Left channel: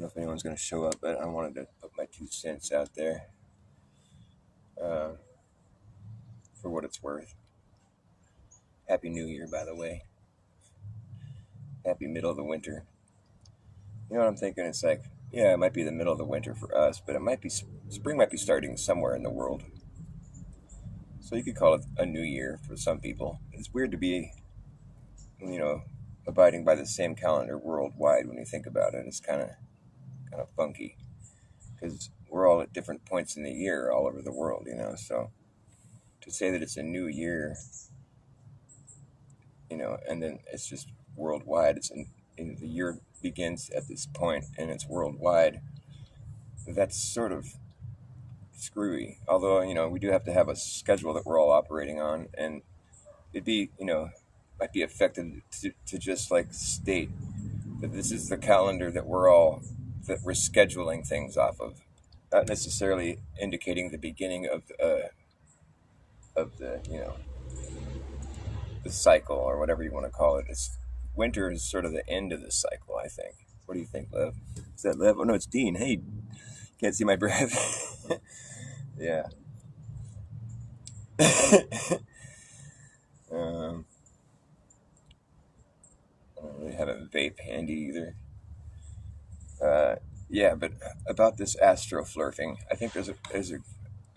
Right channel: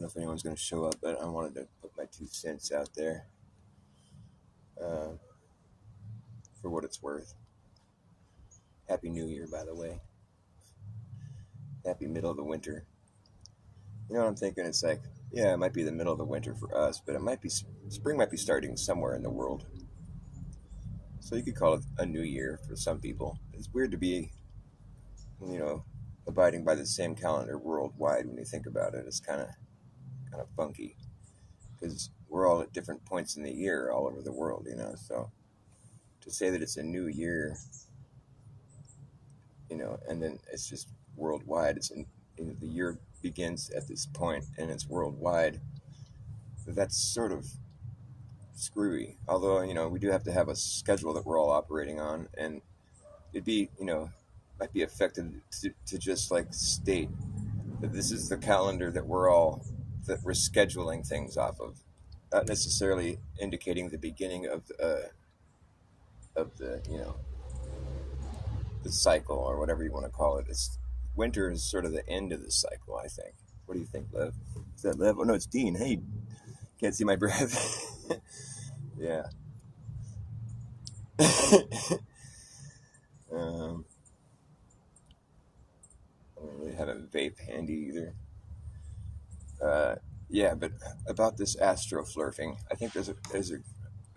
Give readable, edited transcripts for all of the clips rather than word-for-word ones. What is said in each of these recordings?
don't know if anyone's going to show up, but I wanted to put my 2 cents out there uh, for what it's worth. Happy New Year, by the way. Happy middle of the winter. You know what I'm thinking? It's like, yeah, it might be the middle of the winter for us, but it might be spring might be starting somewhere in the world. So you could call it a new year for some people. It's weird to be, you know, abiding by the same calendar worldwide when you think about it. It's kind of funky because we're all at different points in the year all over the world, you know. So to say that it's a new year, you know, and then it's just worldwide. And the year begins at this point and it's worldwide. That's sort of screwy. Although, you know, we do have to have a schedule that we're all operating on, and it'd be, you know, might be effective to just like state that this is the calendar that we're scheduling things off of, not necessarily indicating the beginning of the you know, the cycle or whatever you want to call it. It's winter is sort of the end of the cycle, I think. What do you think, Lev? Is that Lev? Oh no, it's Dean. Hey, can't see my breath. Yeah. I don't really have a vape handy either. Yeah, but about this astroflerfing, I think there's a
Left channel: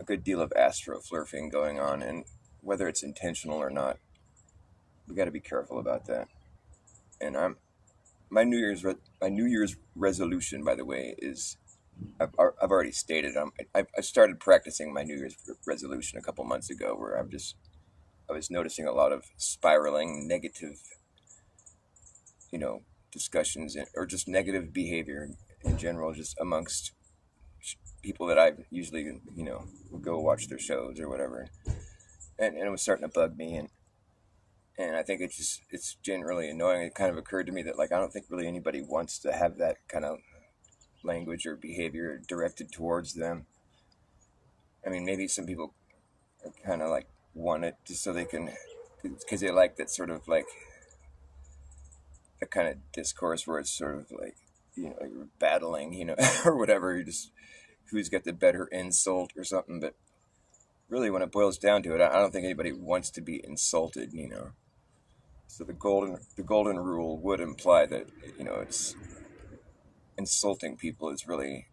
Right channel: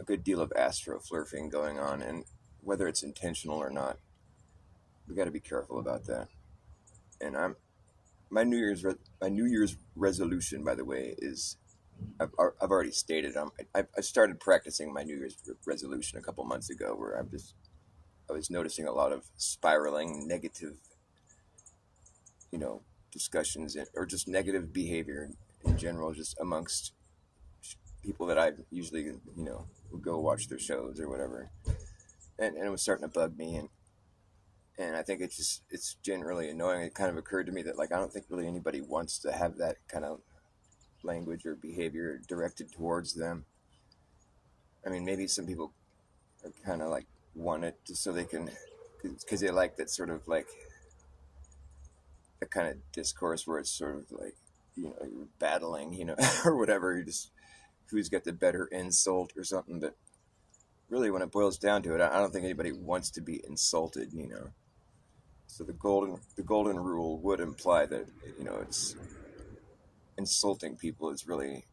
good deal of astroflerfing going on, and whether it's intentional or not, we got to be careful about that. And my New Year's resolution, by the way, is I've already stated I started practicing my New Year's resolution a couple months ago, where I was noticing a lot of spiraling negative, you know, discussions or just negative behavior in general, just amongst people that I usually, you know, would go watch their shows or whatever, and it was starting to bug me, and I think it's generally annoying. It kind of occurred to me that, like, I don't think really anybody wants to have that kind of language or behavior directed towards them. I mean, maybe some people are kind of like want it just so they can, because they like that sort of like the kind of discourse where it's sort of like, you know, you're battling, you know, or whatever. You just who's got the better insult or something. But really, when it boils down to it, I don't think anybody wants to be insulted, you know. So the golden rule would imply that, you know, it's insulting people is really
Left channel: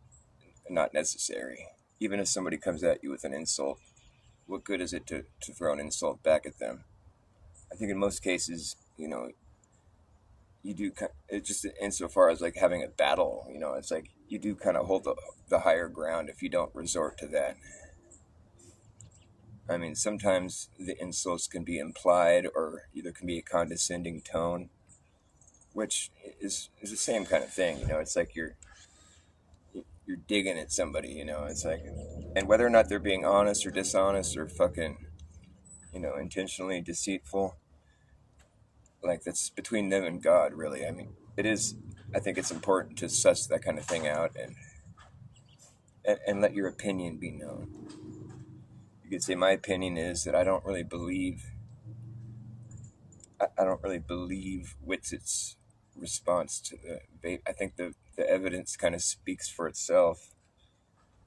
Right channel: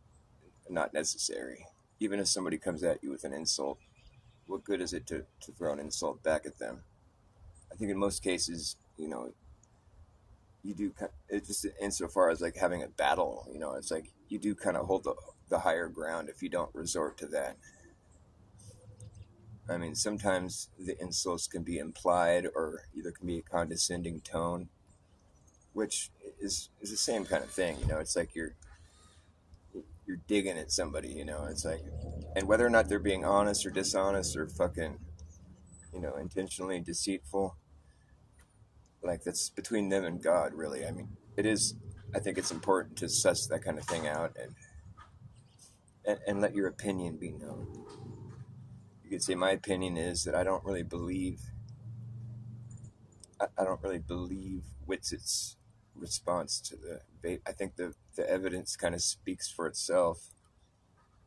not necessary. Even if somebody comes at you with an insult, what good is it to throw an insult back at them? I think in most cases, you know, you do, it's just insofar as like having a battle, you know, it's like you do kind of hold the higher ground if you don't resort to that. I mean, sometimes the insults can be implied or either can be a condescending tone, which is the same kind of thing, you know. It's like you're digging at somebody, you know. It's like, and whether or not they're being honest or dishonest or fucking, you know, intentionally deceitful, like that's between them and God, really. I mean, it is. I think it's important to suss that kind of thing out and let your opinion be known. You could say my opinion is that I don't really believe Witzett's response to the vape. I think the evidence kind of speaks for itself,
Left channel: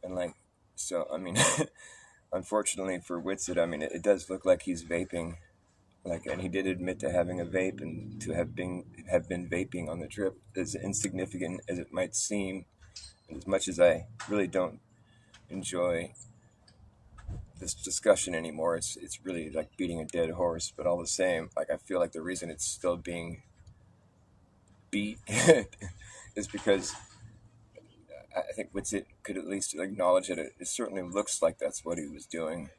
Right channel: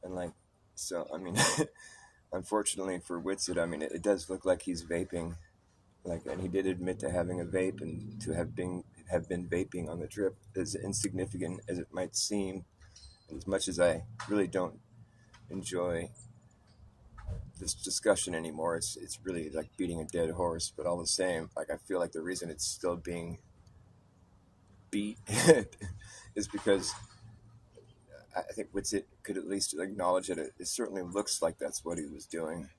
and like, so I mean, unfortunately for Witzett, I mean, it does look like he's vaping, like, and he did admit to having a vape and to have been vaping on the trip. As insignificant as it might seem, as much as I really don't enjoy this discussion anymore, it's really like beating a dead horse. But all the same, like, I feel like the reason it's still being beat is because I think Witzett could at least acknowledge that it certainly looks like that's what he was doing.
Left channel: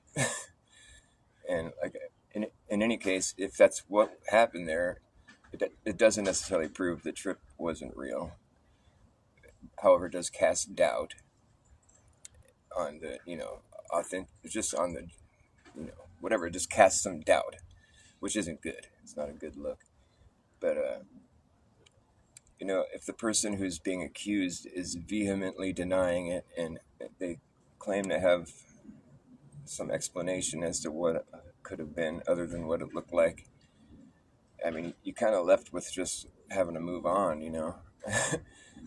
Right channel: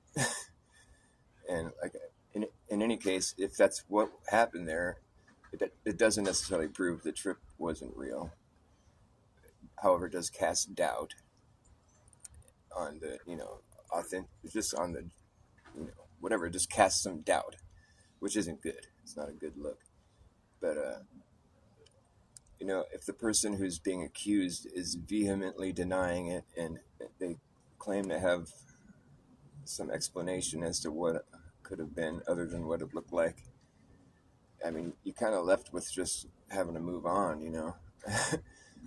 And like, in any case, if that's what happened there, it doesn't necessarily prove the trip wasn't real. However, it does cast doubt on the, you know, just on the, you know, whatever, it just casts some doubt, which isn't good. It's not a good look. But, you know, if the person who's being accused is vehemently denying it and they claim to have some explanation as to what could have been other than what it looked like, I mean, you kind of left with just having to move on, you know.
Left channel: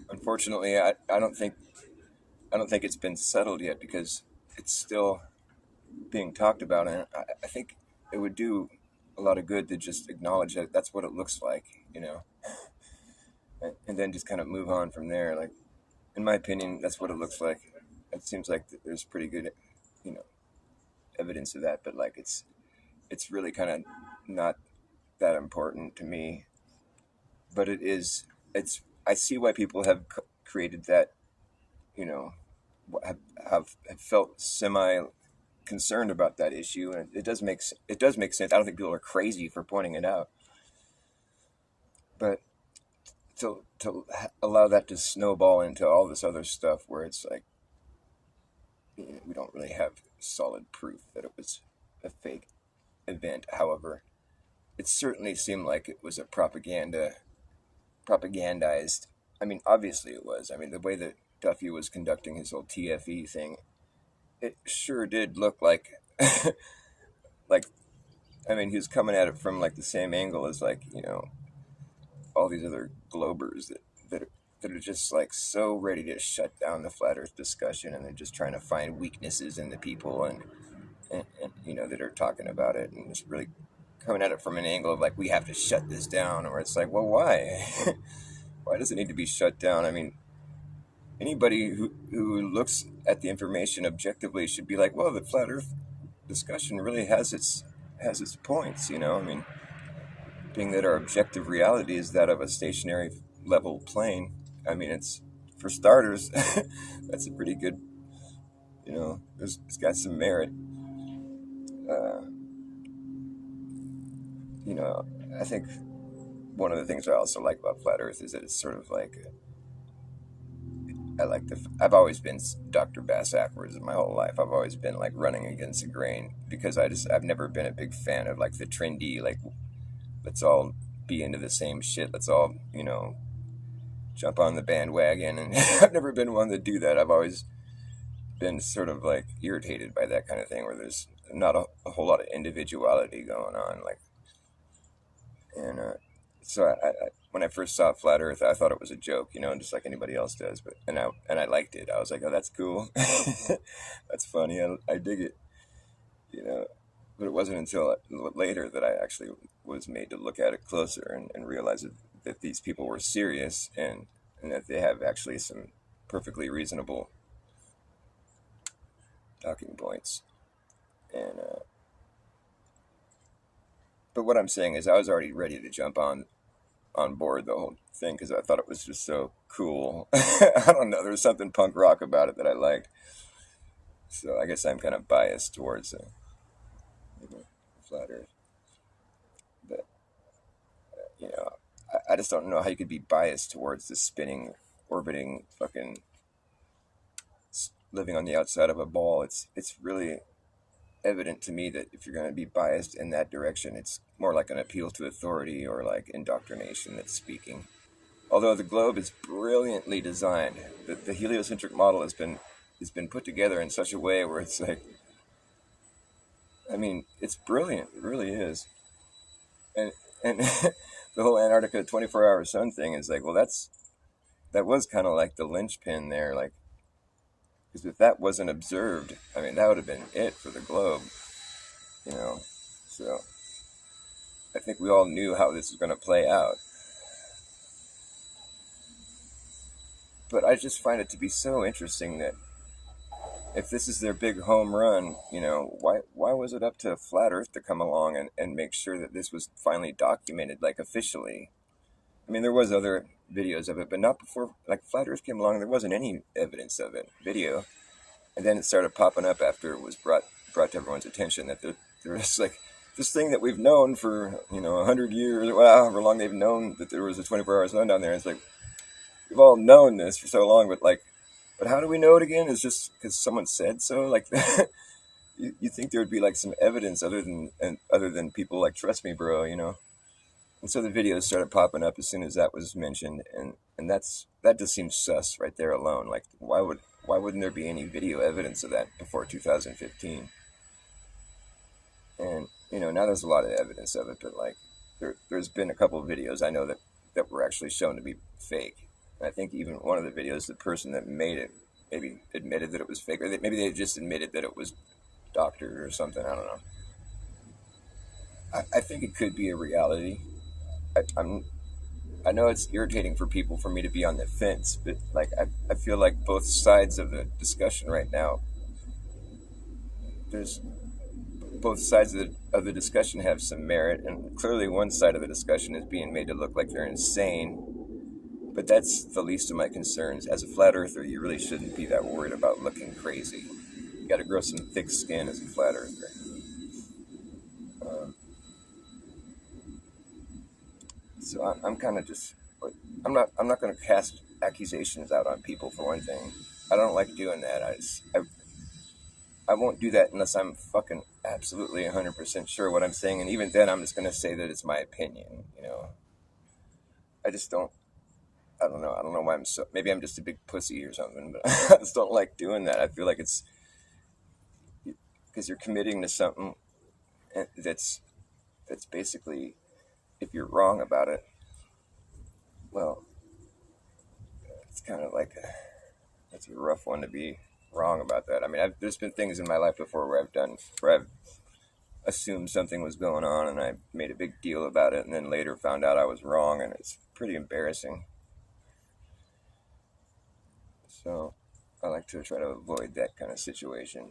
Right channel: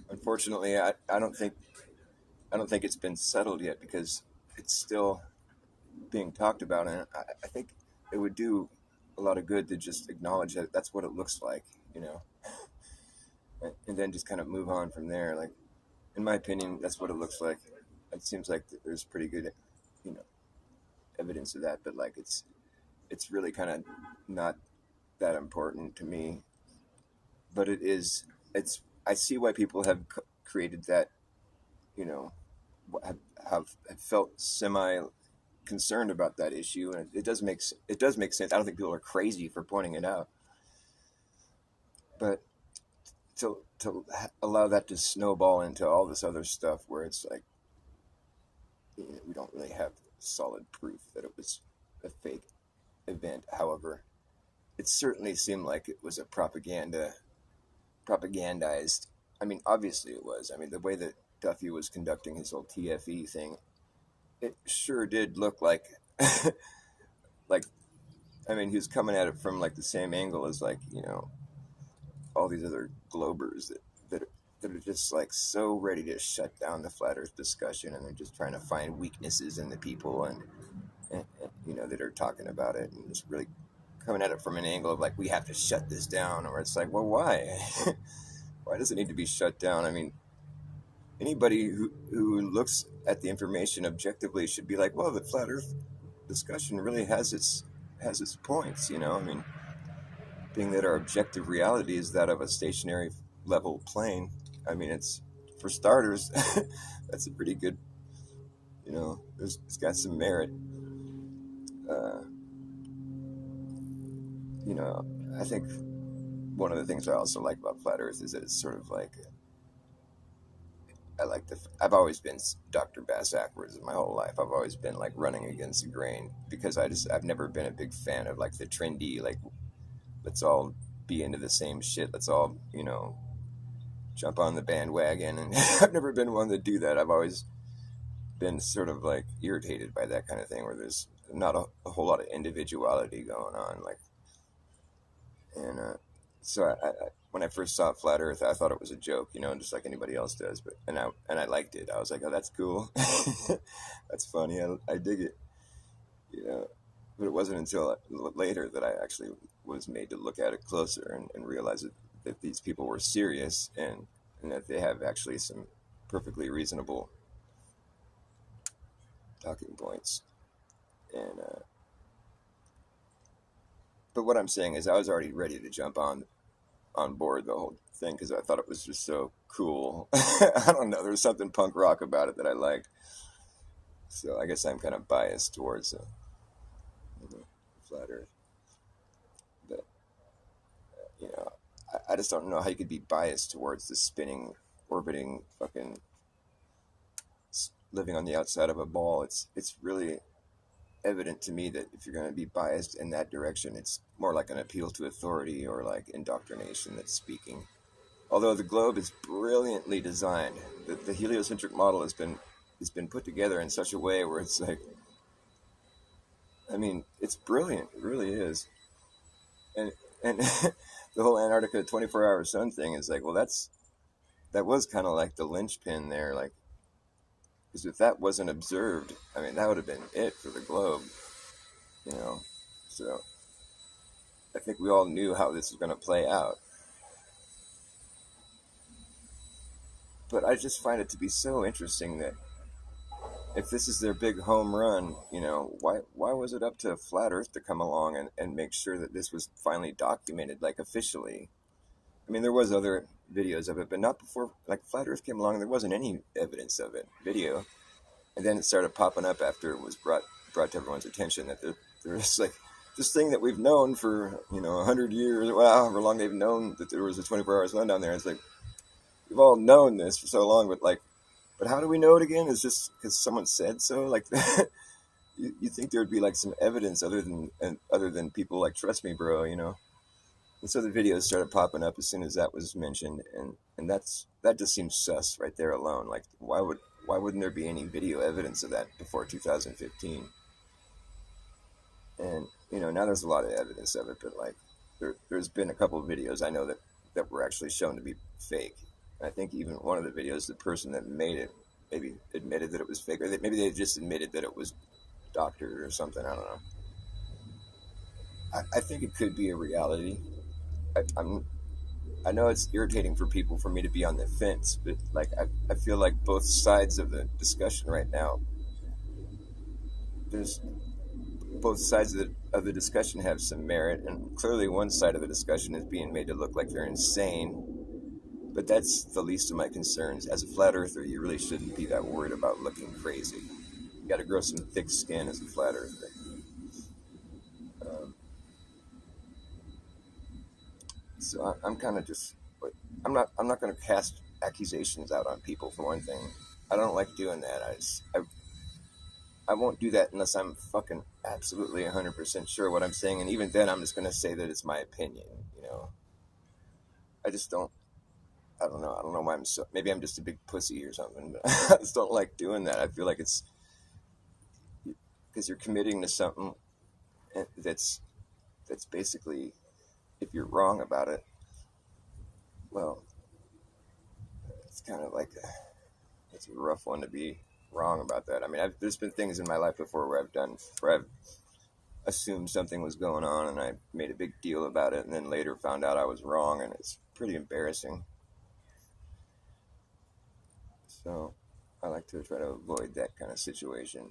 unfortunately, I don't think it's been settled yet because it's still being talked about, and I think it would do a lot of good to just acknowledge that that's what it looks like, you know, and then just kind of move on from there. Like, in my opinion, that's what it looks like. It seems like there's pretty good, you know, evidence of that, but like it's really kind of not that important to me. But it is. It's. I see why people have created that. You know, have have felt semi concerned about that issue, and it does make sense. I don't think people are crazy for pointing it out, but to allow that to snowball into all this other stuff where it's like, you know, we don't really have solid proof that it was a fake event. However, it certainly seemed like it was a propagandized. I mean, obviously it was. I mean, the way that Duffy was conducting his whole TFE thing, it sure did look like like, I mean, he was coming at it from like the same angle as, like, you know, all these other globers that are just like so ready to shut down the flat Earth discussion, and they're just trying to find weaknesses in the people, and you know, that are talking about it, and just really coming at it from an angle of like, we have to shut this down, or it's like, well, why? Why does it need to be shut down? I mean, anybody who looks at the information objectively should be like, well, the flat Earth discussion really has its points, you know. I mean, being that our objective reality is that of a stationary level plane. I mean, it's, for starters, that's a pretty good, you know, it's got some merit. Uh, you know, I think one of the things I also like about flat Earth is that it's sort of like, I've always been dr.bas backwards my whole life. I've always been like running against the grain because I've never been a big fan of like the trendy, like, let's all be into the same shit. Let's all, you know, jump on the bandwagon. And I've never been one to do that. I've always been sort of like irritated by that kind of thing where there's not a whole lot of individuality going on. Like, and so when I first saw Flat Earth, I thought it was a joke, you know, just like anybody else does. But and I liked it. I was like, oh, that's cool. That's funny. I dig it, you know. But it wasn't until later that I actually was made to look at it closer and realize that these people were serious, and that they have actually some perfectly reasonable talking points. And but what I'm saying is, I was already ready to jump on board the whole thing because I thought it was just so cool. I don't know. There was something punk rock about it that I liked. So I guess I'm kind of biased towards you know, flat Earth. But you know, I just don't know how you could be biased towards the spinning, orbiting, fucking living on the outside of a ball. It's really evident to me that if you're going to be biased in that direction, it's more like an appeal to authority or like indoctrination that's speaking. Although the globe is brilliantly designed, the heliocentric model has been put together in such a way where it's like, I mean, it's brilliant. It really is. And the whole Antarctica 24-hour sun thing is like, well, that was kind of like the linchpin there, like, because if that wasn't observed, I mean, that would have been it for the globe, you know. So I think we all knew how this was going to play out. But I just find it to be so interesting that if this is their big home run, you know, why was it up to Flat Earth to come along and make sure that this was finally documented, like, officially? I mean, there was other videos of it, but not before, like, Flat Earth came along. There wasn't any evidence of it, video. And then it started popping up after it was brought to everyone's attention that there was, like, this thing that we've known for, you know, 100 years, well, however long they've known that there was a 24-hour sun down there. It's like, we've all known this for so long, but like, but how do we know it again? Is just because someone said so? Like, you think there would be like some evidence other than people like, trust me, bro, you know? And so the videos started popping up as soon as that was mentioned, and that just seems sus right there alone. Like, why wouldn't there be any video evidence of that before 2015? And you know, now there's a lot of evidence of it, but like, there's been a couple of videos I know that were actually shown to be fake. I think even one of the videos, the person that made it maybe admitted that it was fake, or that maybe they just admitted that it was doctored or something. I don't know. I think it could be a reality. I'm I know it's irritating for people for me to be on the fence, but like I feel like both sides of the discussion right now, there's both sides of the discussion have some merit, and clearly one side of the discussion is being made to look like they're insane. But that's the least of my concerns. As a flat earther, you really shouldn't be that worried about looking crazy. You got to grow some thick skin as a flat earther. Um, I'm kind of just, I'm not going to cast accusations out on people for one thing. I don't like doing that. I won't do that unless I'm fucking absolutely 100% sure what I'm saying, and even then, I'm just going to say that it's my opinion. I just don't. I don't know. I don't know why I'm so. Maybe I'm just a big pussy or something, but I just don't like doing that. I feel like it's because you're committing to something that's basically, if you're wrong about it, well, it's kind of like that's a rough one to be wrong about that. I mean, there's been things in my life before where I've assumed something was going on, and I made a big deal about it, and then later found out I was wrong, and it's pretty embarrassing. So I like to try to avoid that kind of situation.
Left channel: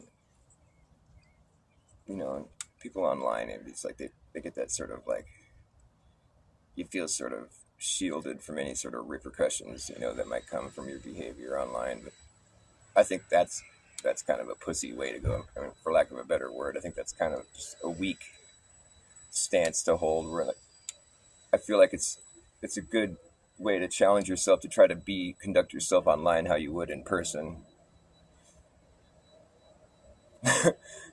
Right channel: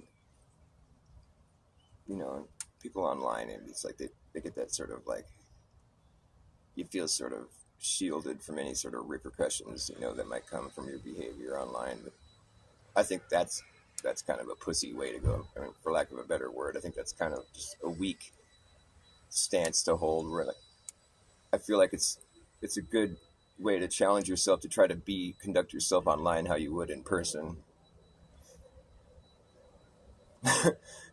People online, it's like they get that sort of like, you feel sort of shielded from any sort of repercussions, that might come from your behavior online. But I think that's kind of a pussy way to go. I mean, for lack of a better word, I think that's kind of just a weak stance to hold. Where I feel like it's a good way to challenge yourself to try to conduct yourself online how you would in person.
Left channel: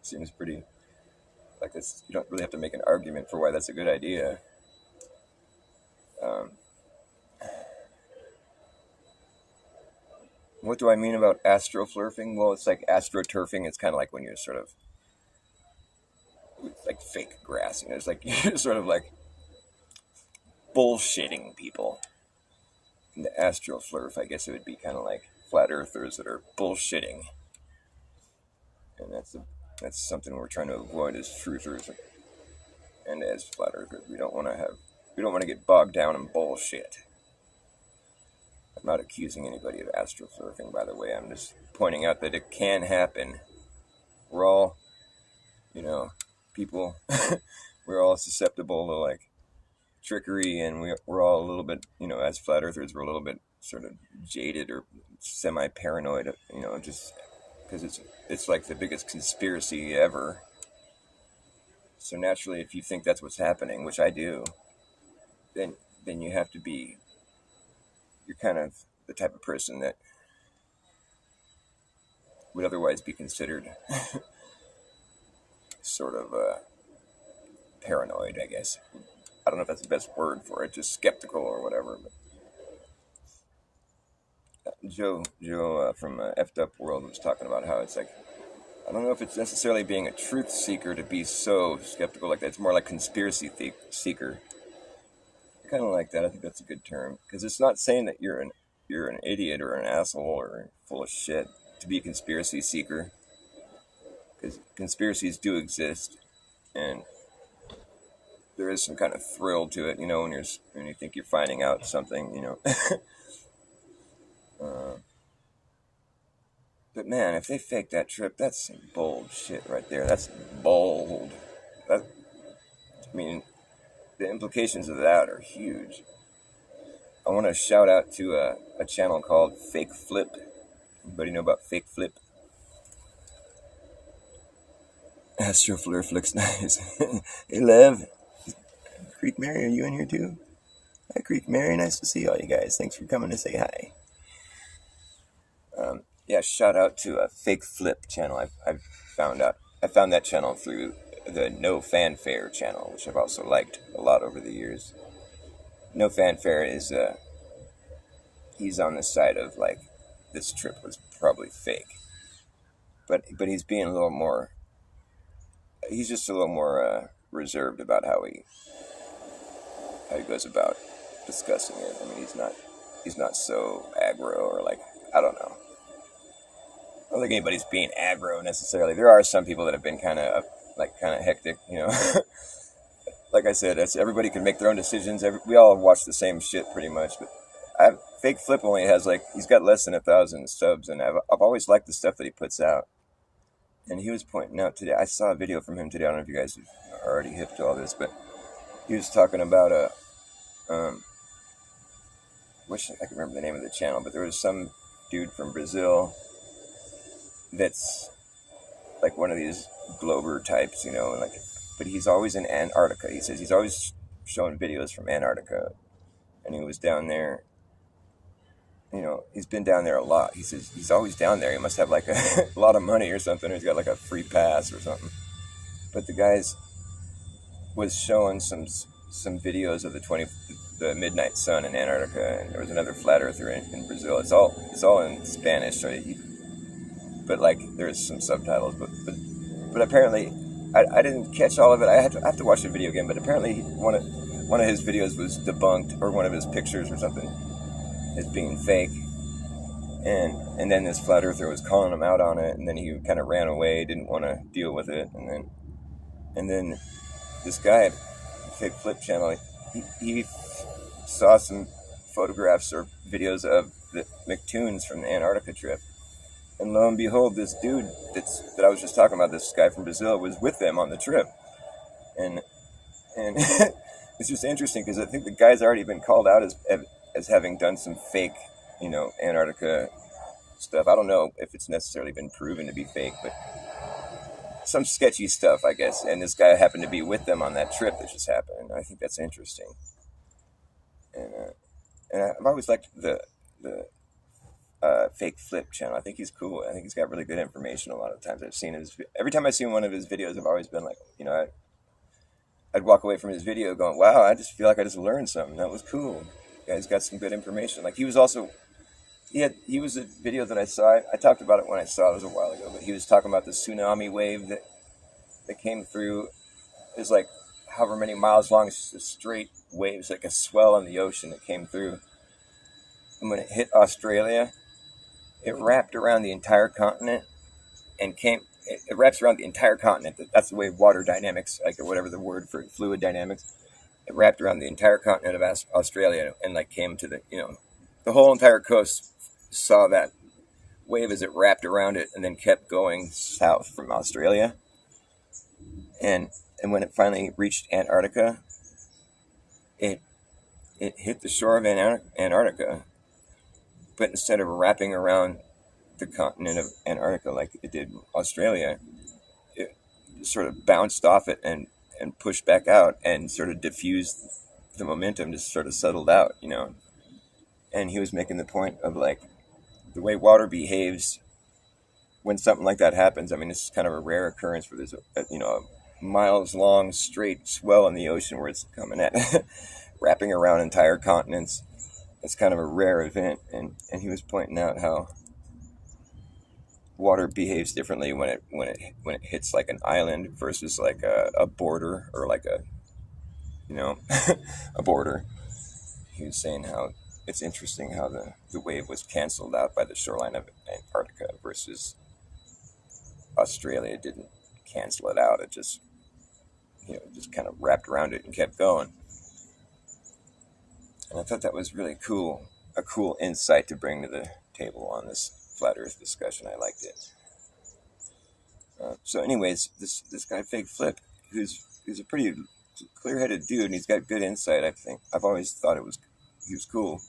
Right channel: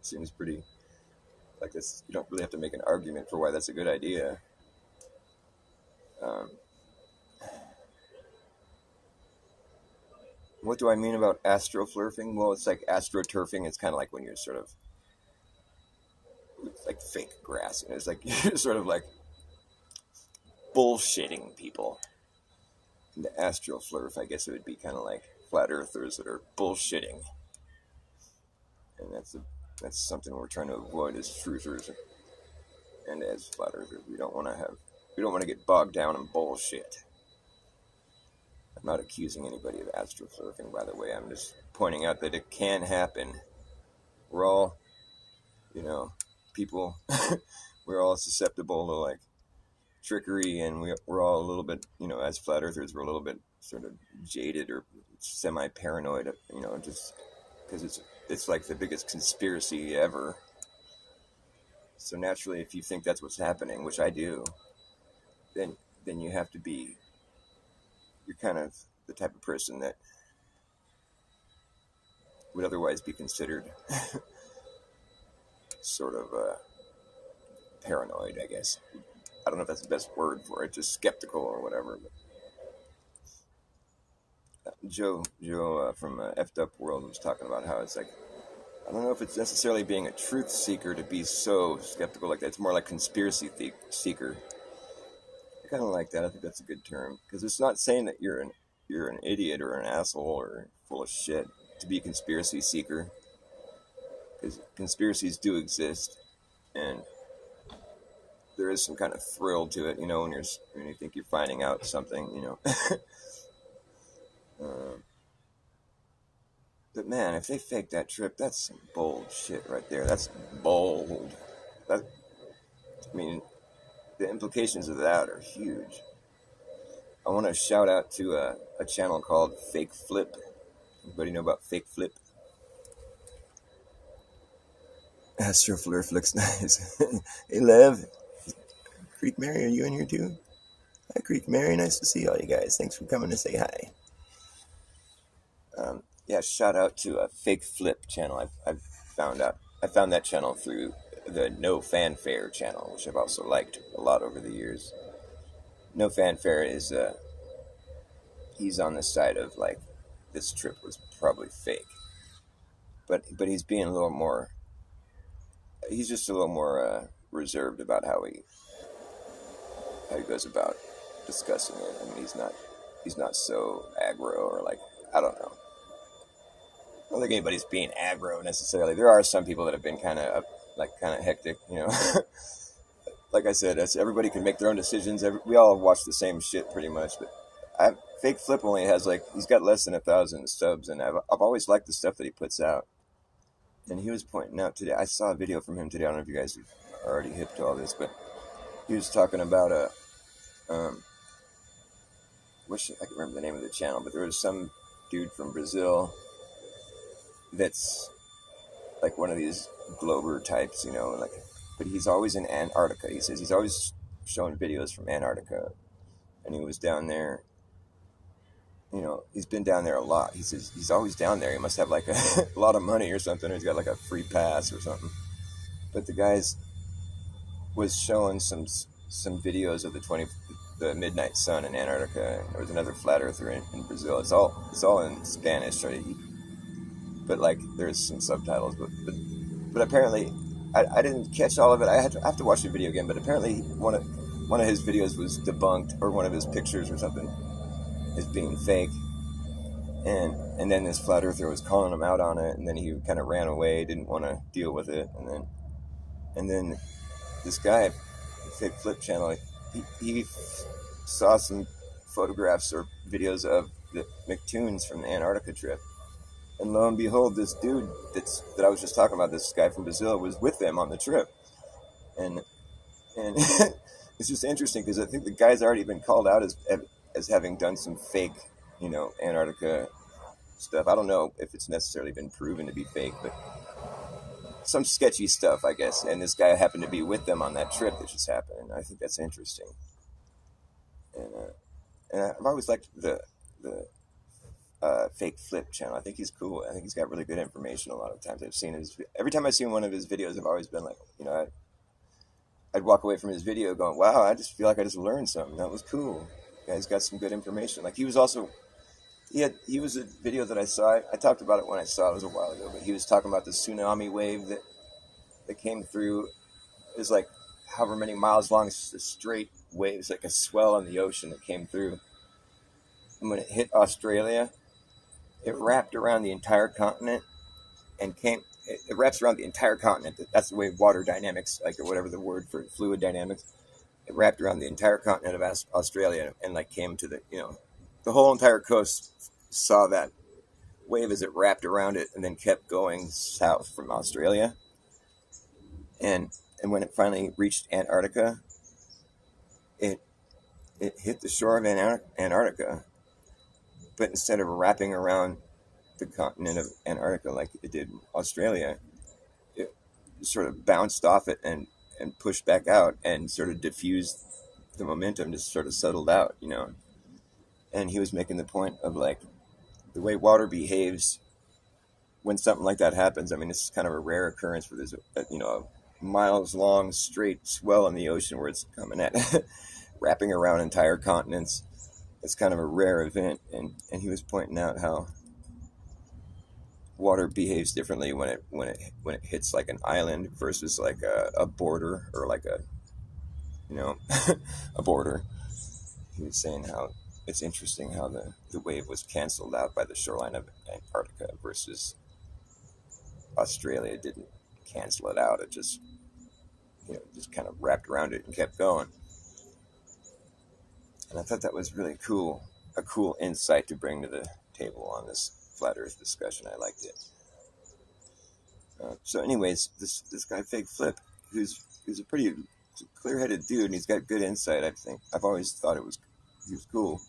Seems pretty like this. You don't really have to make an argument for why that's a good idea. What do I mean about astroflerfing? Well, it's like astroturfing. It's kind of like when you're sort of like fake grass. It's like you're sort of like bullshitting people. And the astroflerf, I guess it would be kind of like flat earthers that are bullshitting. And that's something we're trying to avoid as truthers and as flat earthers. We don't want to get bogged down in bullshit. I'm not accusing anybody of astroflerfing, by the way. I'm just pointing out that it can happen. We're all, people, we're all susceptible to like trickery, and we're all a little bit, as flat earthers, we're a little bit sort of jaded or semi-paranoid, just because it's like the biggest conspiracy ever. So naturally, if you think that's what's happening, which I do, then you have to be, you're kind of the type of person that would otherwise be considered sort of paranoid, I guess. I don't know if that's the best word for it, just skeptical or whatever. But Joe from F'd Up World was talking about how it's like, I don't know if it's necessarily being a truth seeker to be so skeptical like that. It's more like conspiracy seeker. I kind of like that. I think that's a good term, because it's not saying that you're an idiot or an asshole or full of shit to be a conspiracy seeker, because conspiracies do exist, and there is some kind of thrill to it, when you think you're finding out something, But man, if they fake that trip, that's some bold shit right there. That's bold. I mean, the implications of that are huge. I want to shout out to a channel called Fake Flip. Anybody know about Fake Flip? Astroflerf looks nice. Hey, Lev. Creek Mary, are you in here too? Hi, Creek Mary. Nice to see all you guys. Thanks for coming to say hi. Yeah, shout out to a Fake Flip channel. I found that channel through the No Fanfare channel, which I've also liked a lot over the years. No Fanfare is he's on the side of like, this trip was probably fake, but he's being a little more. He's just a little more reserved about how he goes about discussing it. I mean, he's not he's not so aggro, or like, I don't know. I don't think anybody's being aggro necessarily. There are some people that have been kind of hectic, you know. Like I said, everybody can make their own decisions. We all watch the same shit pretty much, but Fake Flip only has he's got less than 1,000 subs, and I've always liked the stuff that he puts out. And he was pointing out today, I saw a video from him today. I don't know if you guys are already hip to all this, but he was talking about I can remember the name of the channel, but there was some dude from Brazil that's like one of these Glober types, you know, but he's always in Antarctica. He says he's always showing videos from Antarctica, and he was down there. You know, he's been down there a lot. He says he's always down there. He must have like a lot of money or something. Or he's got like a free pass or something. But the guys was showing some videos of the midnight sun in Antarctica, and there was another flat earther in Brazil. It's all in Spanish, so but like there's some subtitles. But apparently, I didn't catch all of it. I have to watch the video again. But apparently, one of his videos was debunked, or one of his pictures or something, as being fake, and then this flat earther was calling him out on it, and then he kind of ran away, didn't want to deal with it, and then this guy, Fake Flip channel, he saw some photographs or videos of the McToons from the Antarctica trip, and lo and behold, this dude that I was just talking about, this guy from Brazil, was with them on the trip, and it's just interesting because I think the guy's already been called out as having done some fake, you know, Antarctica stuff. I don't know if it's necessarily been proven to be fake, but some sketchy stuff, I guess. And this guy happened to be with them on that trip that just happened. And I think that's interesting. And I've always liked the Fake Flip channel. I think he's cool. I think he's got really good information a lot of times. Every time I've seen one of his videos, I've always been like, you know, I'd walk away from his video going, wow, I just feel like I just learned something. That was cool. Guy's got some good information. Like he was a video that I saw. I talked about it when I saw it. It was a while ago, but he was talking about the tsunami wave that came through. It was like however many miles long. It's just a straight wave. It's like a swell in the ocean that came through. And when it hit Australia, it wrapped around the entire continent and it wraps around the entire continent. That's the way water dynamics, like, or whatever the word for fluid dynamics. It wrapped around the entire continent of Australia and like came to the whole entire coast saw that wave as it wrapped around it and then kept going south from Australia. And when it finally reached Antarctica, it hit the shore of Antarctica, but instead of wrapping around the continent of Antarctica like it did Australia, it sort of bounced off it and pushed back out and sort of diffused the momentum, just sort of settled out, you know. And he was making the point of like the way water behaves when something like that happens. I mean, this is kind of a rare occurrence where there's a miles long straight swell in the ocean where it's coming at wrapping around entire continents. It's kind of a rare event, and he was pointing out how water behaves differently when it hits like an island versus like a border, or like a, you know, a border. He was saying how it's interesting how the wave was canceled out by the shoreline of Antarctica versus Australia didn't cancel it out. It just, you know, just kind of wrapped around it and kept going. And I thought that was really cool, a cool insight to bring to the table on this flat Earth discussion. I liked it. So anyways, this guy Fake Flip, who's a pretty clear-headed dude, and he's got good insight, I think. I've always thought he was cool.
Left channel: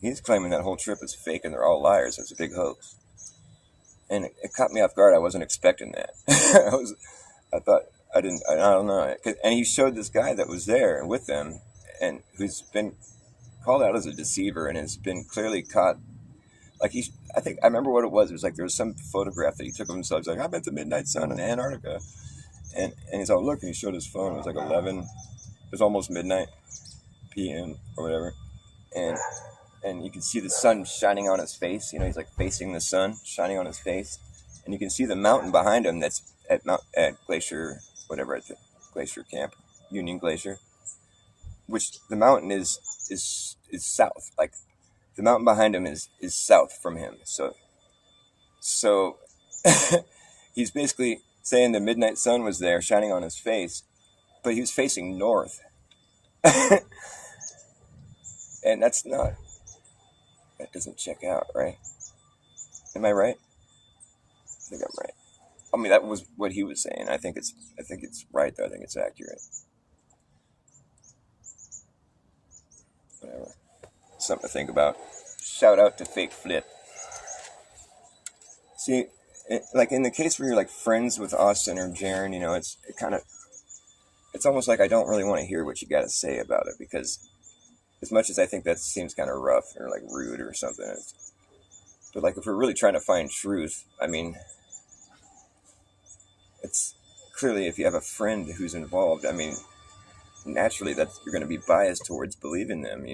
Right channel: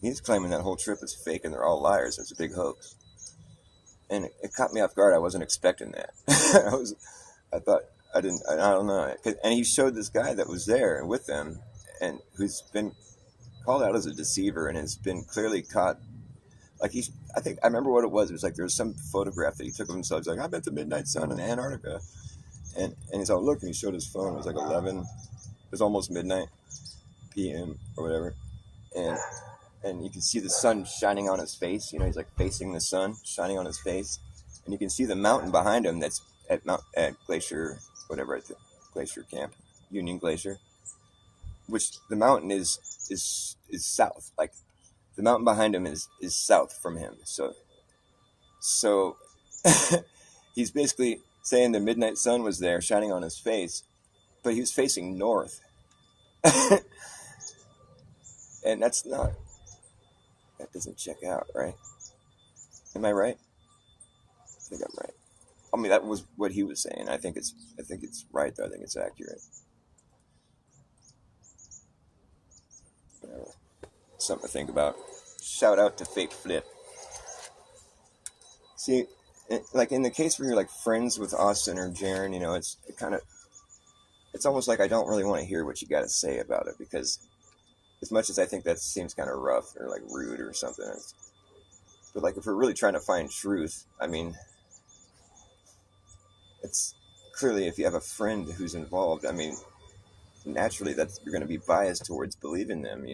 He's claiming that whole trip is fake and they're all liars. It's a big hoax. And it caught me off guard. I wasn't expecting that. I don't know. And he showed this guy that was there with them, and who's been called out as a deceiver and has been clearly caught. Like I remember what it was. It was like there was some photograph that he took of himself. He's like, I'm at the midnight sun in Antarctica. And he's all, look, and he showed his phone. It was like 11. It was almost midnight p.m. or whatever. And you can see the sun shining on his face. You know, he's like facing the sun, shining on his face. And you can see the mountain behind him that's at Glacier, whatever, at the Glacier Camp, Union Glacier. Which the mountain is south. Like, the mountain behind him is south from him. So he's basically saying the midnight sun was there shining on his face, but he was facing north. And that doesn't check out, right? Am I right? I think I'm right. I mean, that was what he was saying. I think it's right, though. I think it's accurate. Whatever. Something to think about. Shout out to Fake Flip. See, like in the case where you're like friends with Austin or Jaren, it's almost like I don't really want to hear what you got to say about it, because as much as I think that seems kind of rough or like rude or something, but like if we're really trying to find truth, I mean, it's clearly if you have a friend who's involved, I mean, naturally you're going to be biased towards believing them,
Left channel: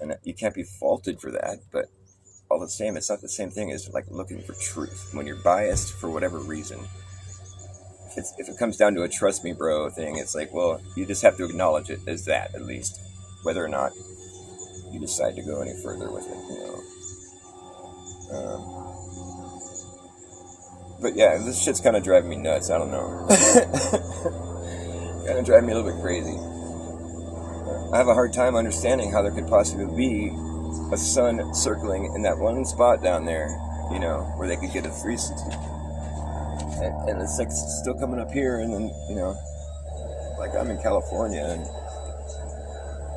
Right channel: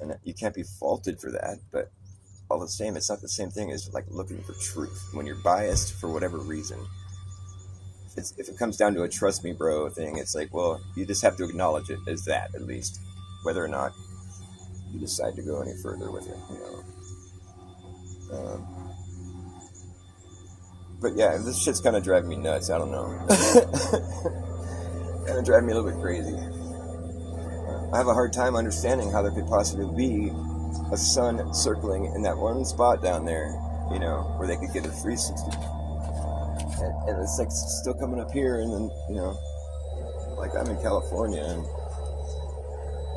and you can't be faulted for that, but all the same, it's not the same thing as like looking for truth when you're biased for whatever reason. If it comes down to a trust me bro thing, it's like, well, you just have to acknowledge it as that, at least, whether or not you decide to go any further with it, but yeah, this shit's kind of driving me nuts. I don't know. Kind of driving me a little bit crazy. I have a hard time understanding how there could possibly be a sun circling in that one spot down there, where they could get a 360. And it's like still coming up here, and then, like I'm in California, and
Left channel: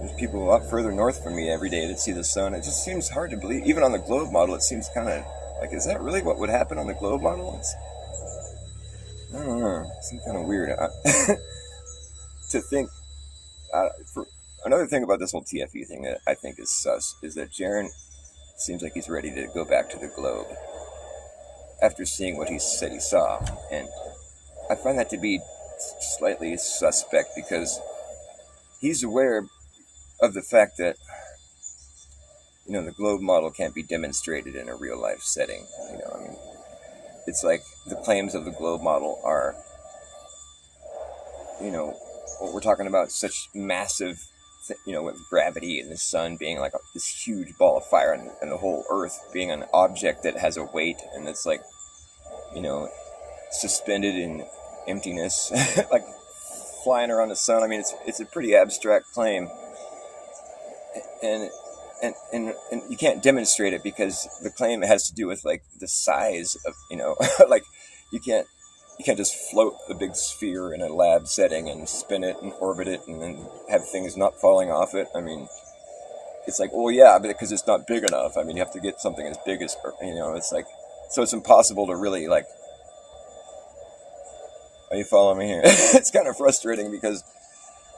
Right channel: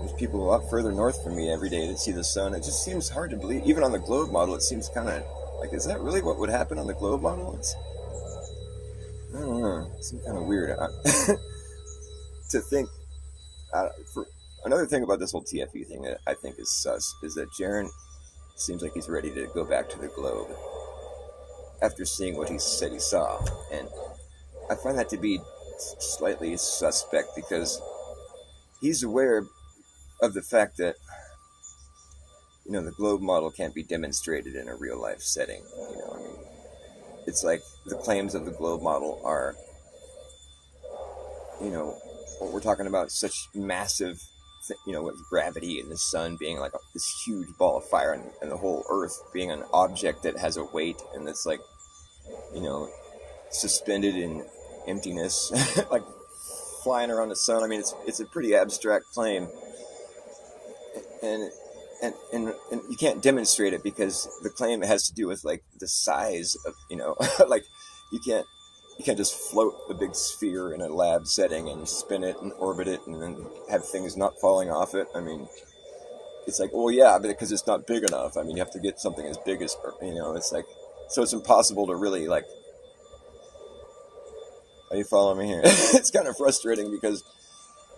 there's people a lot further north from me every day that see the sun. It just seems hard to believe. Even on the globe model, it seems kind of like, is that really what would happen on the globe model? I don't know. It seems kind of weird. To think, for another thing about this whole TFE thing that I think is sus is that Jaren seems like he's ready to go back to the globe after seeing what he said he saw. And I find that to be slightly suspect, because he's aware of the fact that, the globe model can't be demonstrated in a real life setting. I mean, it's like the claims of the globe model are, what we're talking about, such massive, with gravity and the sun being like this huge ball of fire, and the whole earth being an object that has a weight, and it's like, suspended in emptiness, like flying around the sun. I mean, it's a pretty abstract claim, and you can't demonstrate it, because the claim has to do with like the size of, like you can't just float a big sphere in a lab setting and spin it and orbit it and then have things not falling off it. I mean, it's like, well, yeah, because it's not big enough. I mean, you have to get something as big as, it's like, so it's impossible to really like, are you following me here? It's kind of frustrating, because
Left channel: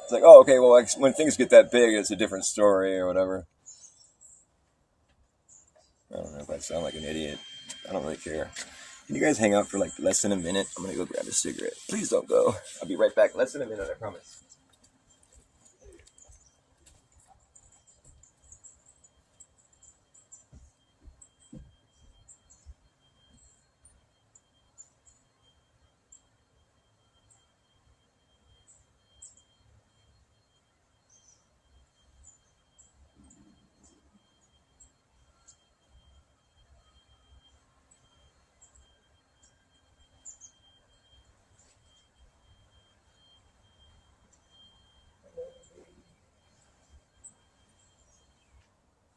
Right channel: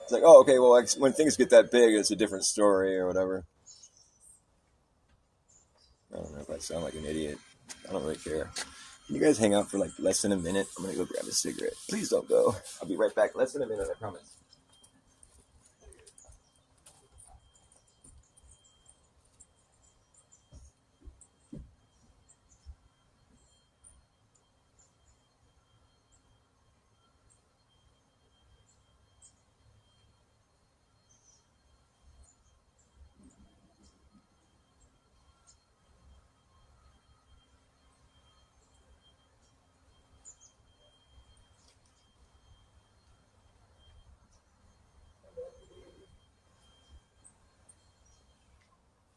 it's like, oh, okay, well, when things get that big, it's a different story or whatever. I don't know if I sound like an idiot. I don't really care. Can you guys hang out for like less than a minute? I'm gonna go grab a cigarette. Please don't go. I'll be right back. Less than a minute, I promise.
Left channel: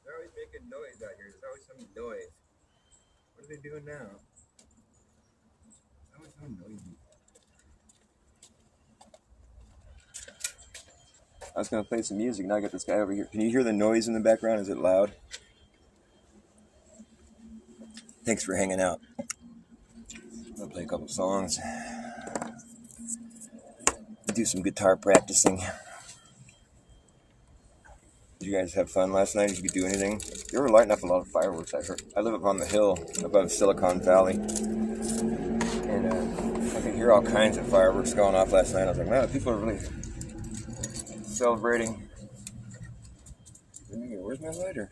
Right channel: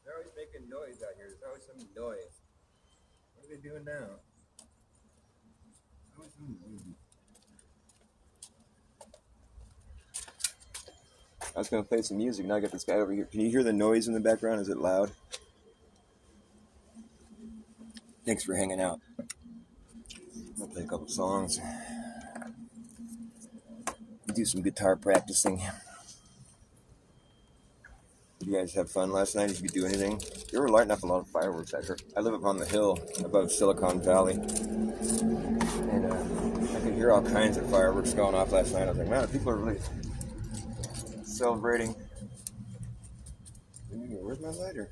They're always making noise out here. There's always some noise. What are they doing now? There's always so noisy. I was going to play some music, now I got this guy over here. Can you hear the noise in the background? Is it loud? Thanks for hanging out. I'll play a couple songs. Do some guitar practicing. Did you guys have fun last night? Did you do anything? You were lighting up a lot of fireworks, I heard. I live up on the hill above Silicon Valley. And I could hear all kinds of fireworks going off last night. I was like, wow, people are really celebrating. Where's my lighter?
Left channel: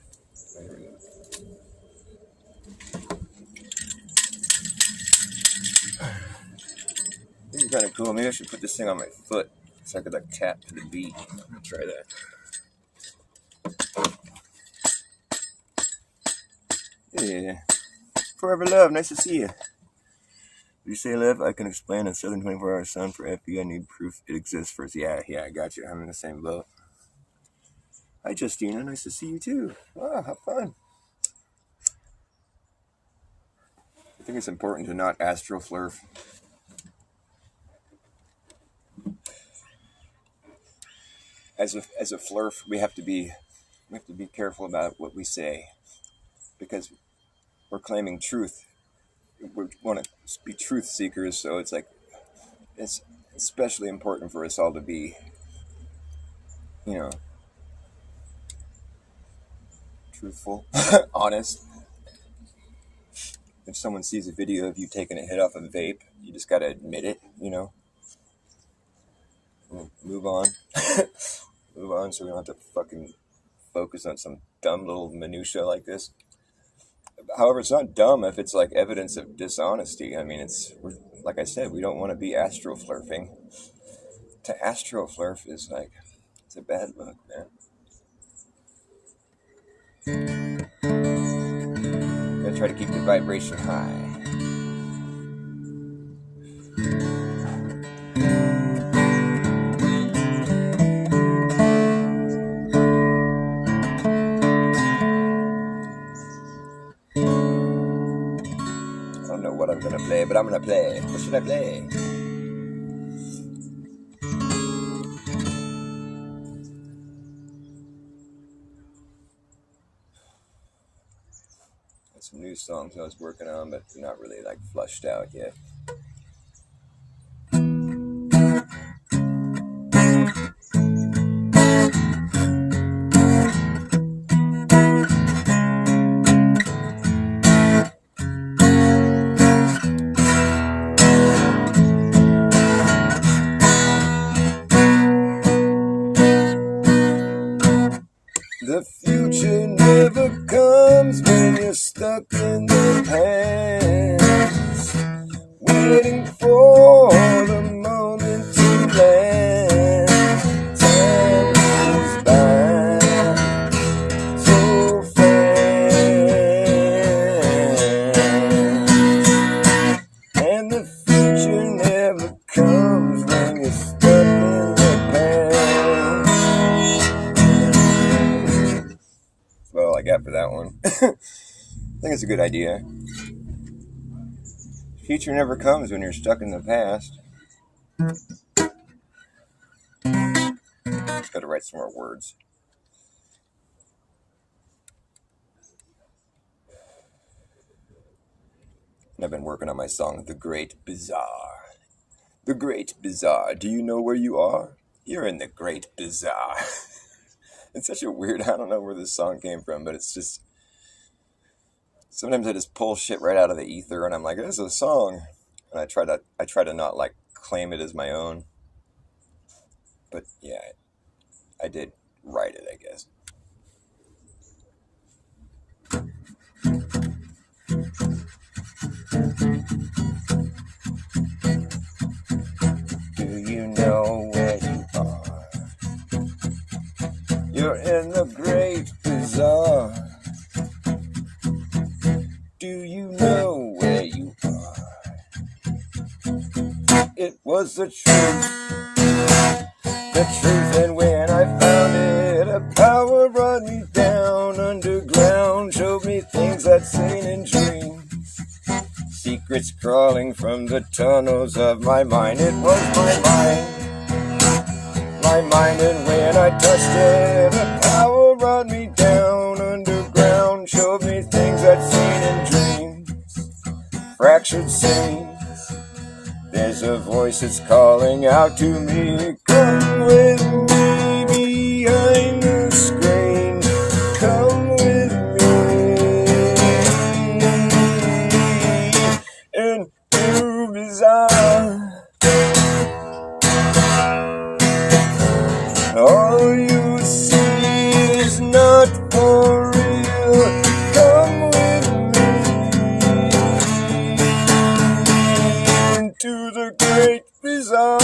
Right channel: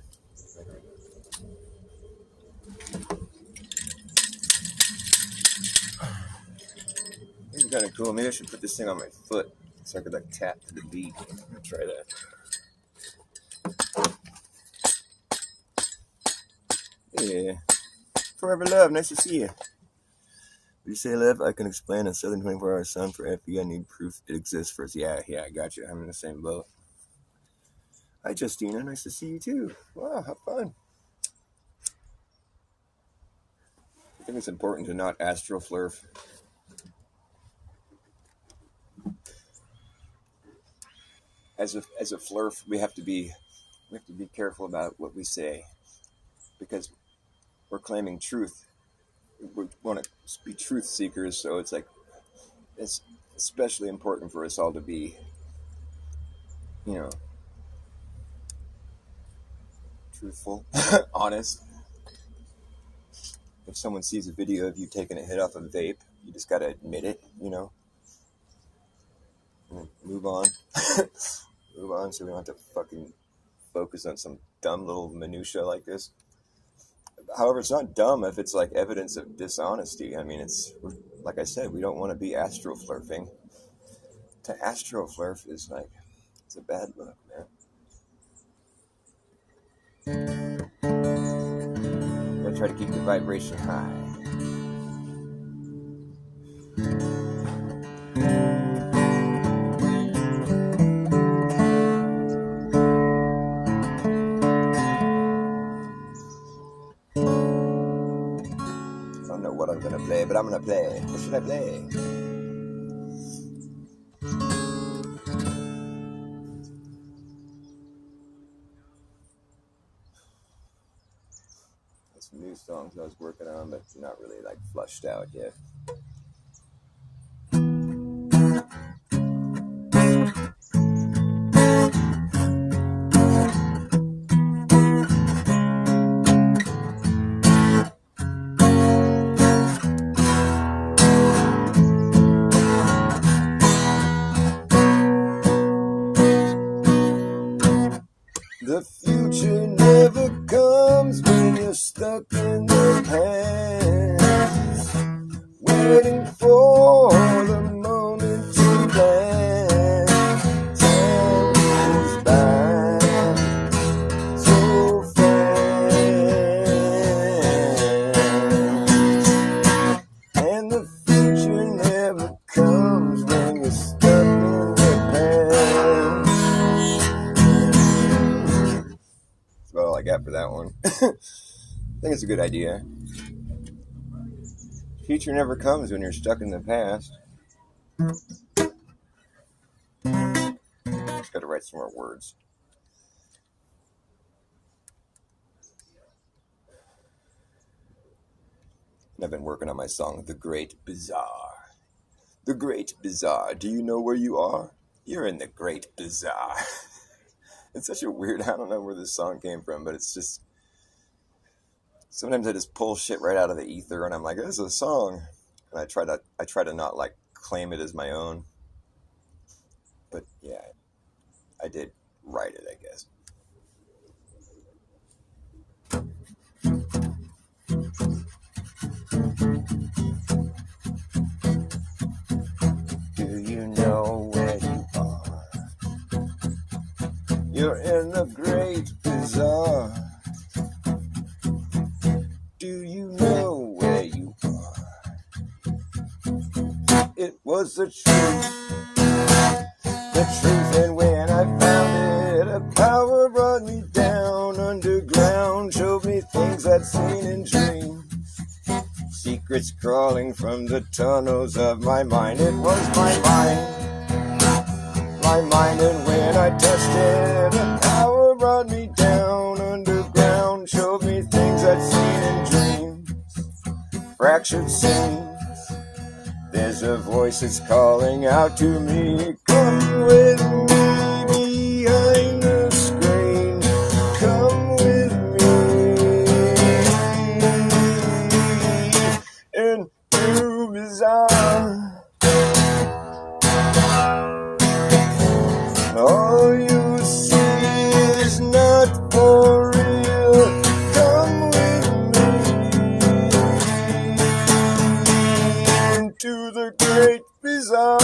This is kind of cool. Maybe I should put this thing on my foot so I could like tap to the beat. I'm gonna try that. Yeah. Forever Love, nice to see you. You say, Lev, I can explain a southern 24-hour sun for FE. I need proof it exists first. Yeah, I got you. I'm in the same boat. Hi, Justina. Nice to see you, too. Wow, have fun. I think it's important to not astroflerf. As a flurf, we have to be careful about what we say, because we're claiming truth. We want to be truth seekers, so it's like it's especially important for us all to be, truthful, honest. If someone sees a video of you taking a hit off a vape, you just gotta admit it, Move on. Move on, so we don't have to fucking focus on some dumb little minutia like this. However, it's not dumb if it's like evidence of dishonesty. I mean, like I said, we don't want to be astroflerfing. To astroflerf is like, it's a bad look, man. Gotta try to keep the vibration high. I don't know what I'm gonna play, but I'm gonna play. What should I play? Some new songs I was working on, but not really like flushed out yet. The future never comes when you're stuck in the past, waiting for the moment to land. Time goes by so fast, and the future never comes when you're stuck in the past. That's all I got for that one. I think it's a good idea. Future never comes when you're stuck in the past. Just gotta write some more words. And I've been working on my song, The Great Bazaar. The Great Bazaar. Do you know where you are? You're in the Great Bazaar. It's such a weird, I don't know where this song came from, but it's just, sometimes I just pull shit right out of the ether and I'm like, this is a song. And I try to not like claim it as my own. But yeah, I did write it, I guess. Do you know where you are? You're in the Great Bazaar. Do you know where you are? It was the truth, and when I found it, a power brought me down underground, showed me things I'd seen in dreams, secrets crawling from the tunnels of my mind. It was my mind, and when I touched it, a power brought me down underground, showed me things I'd seen in dreams, fractured scenes. There's a voice that's calling out to me, come with me behind the screen, come with me into Bazaar. All you see is not for real, come with me into the Great Bazaar.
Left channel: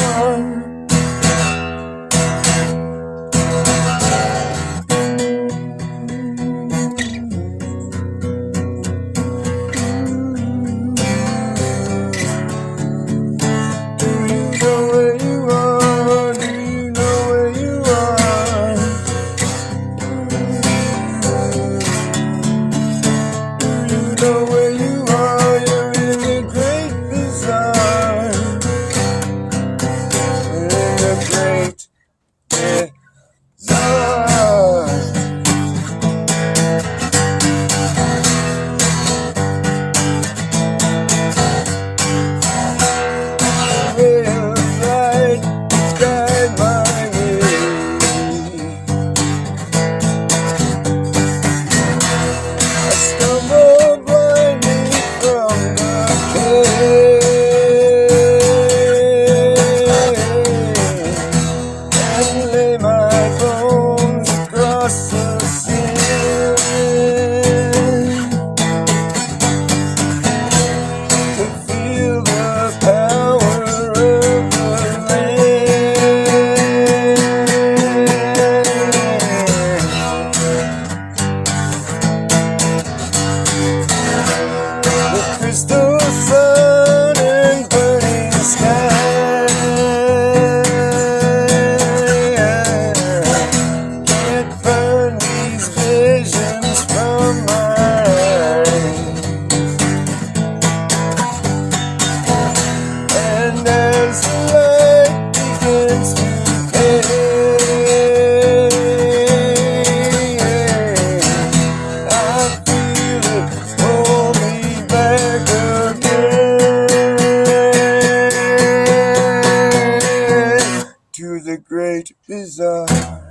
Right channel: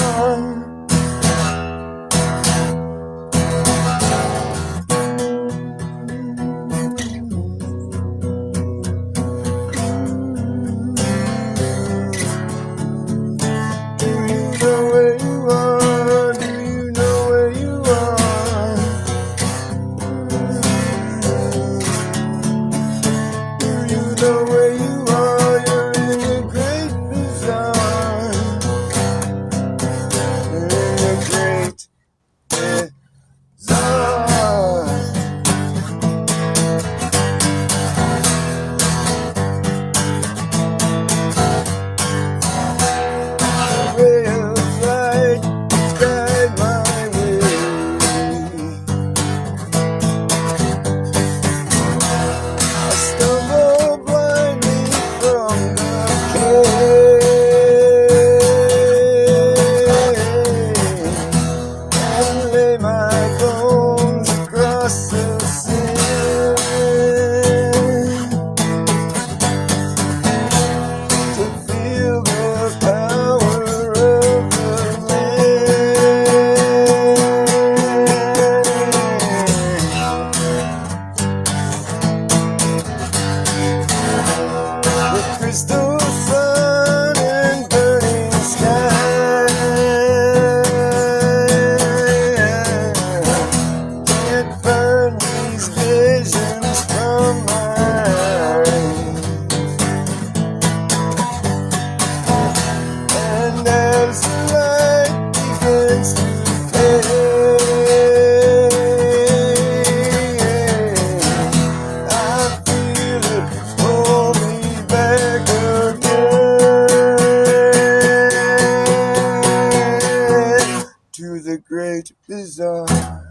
bizarre.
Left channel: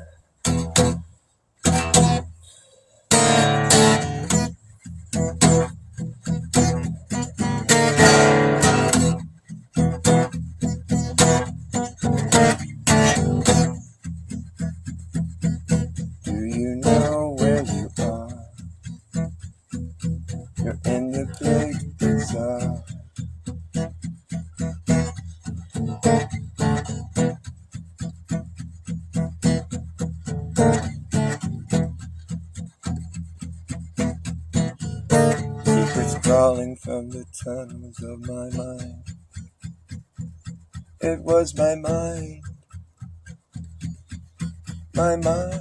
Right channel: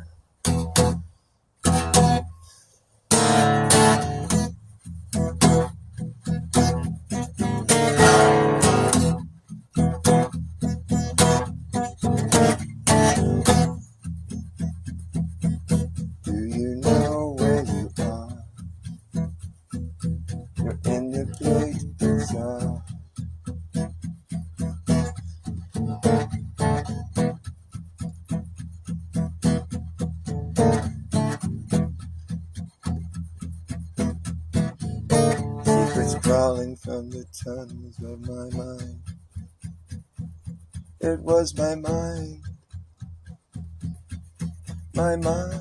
Do you know where you are? You're in the big bizarre. Secrets crawling from the tunnels of my mind. It was my mind, my mind.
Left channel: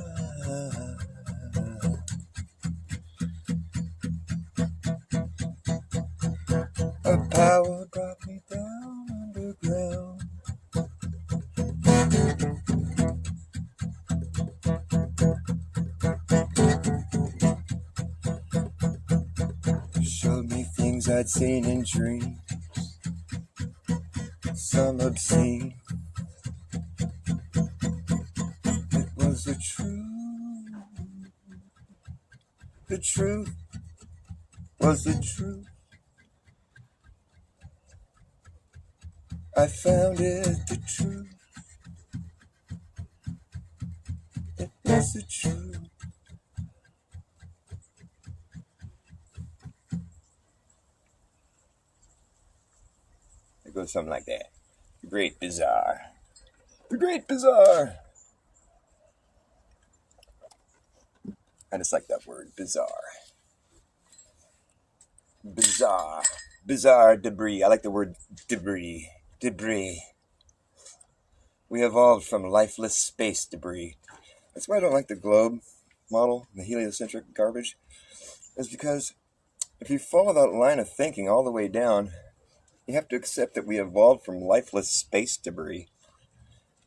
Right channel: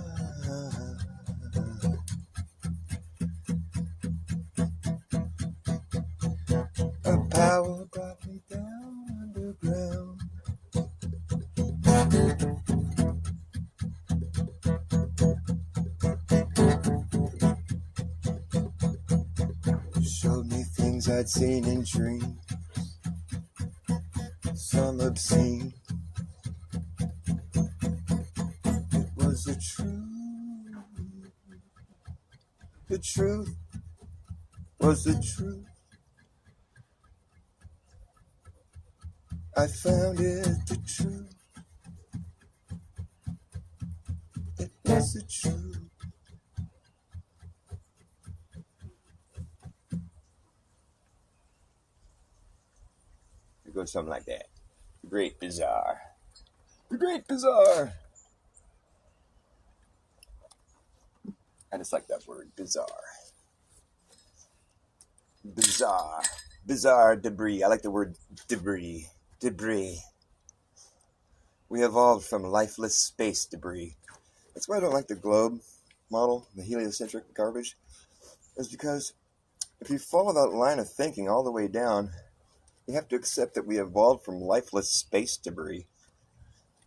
A power brought me down underground. Showed me things I'd seen in dreams, some obscene. It was the truth. The truth was the truth. I found it, the truth. It was the truth. It goes something like that. The Great Bizarre. The Great Bizarre. I just like that word, bizarre. Bizarre. Bizarre debris. I like the word debris. Debris. We evolved from lifeless space debris. That's why I don't like the globe model, the heliocentric garbage. Is because if you follow that line of thinking all the way down, you have to accept that we evolved from lifeless space debris.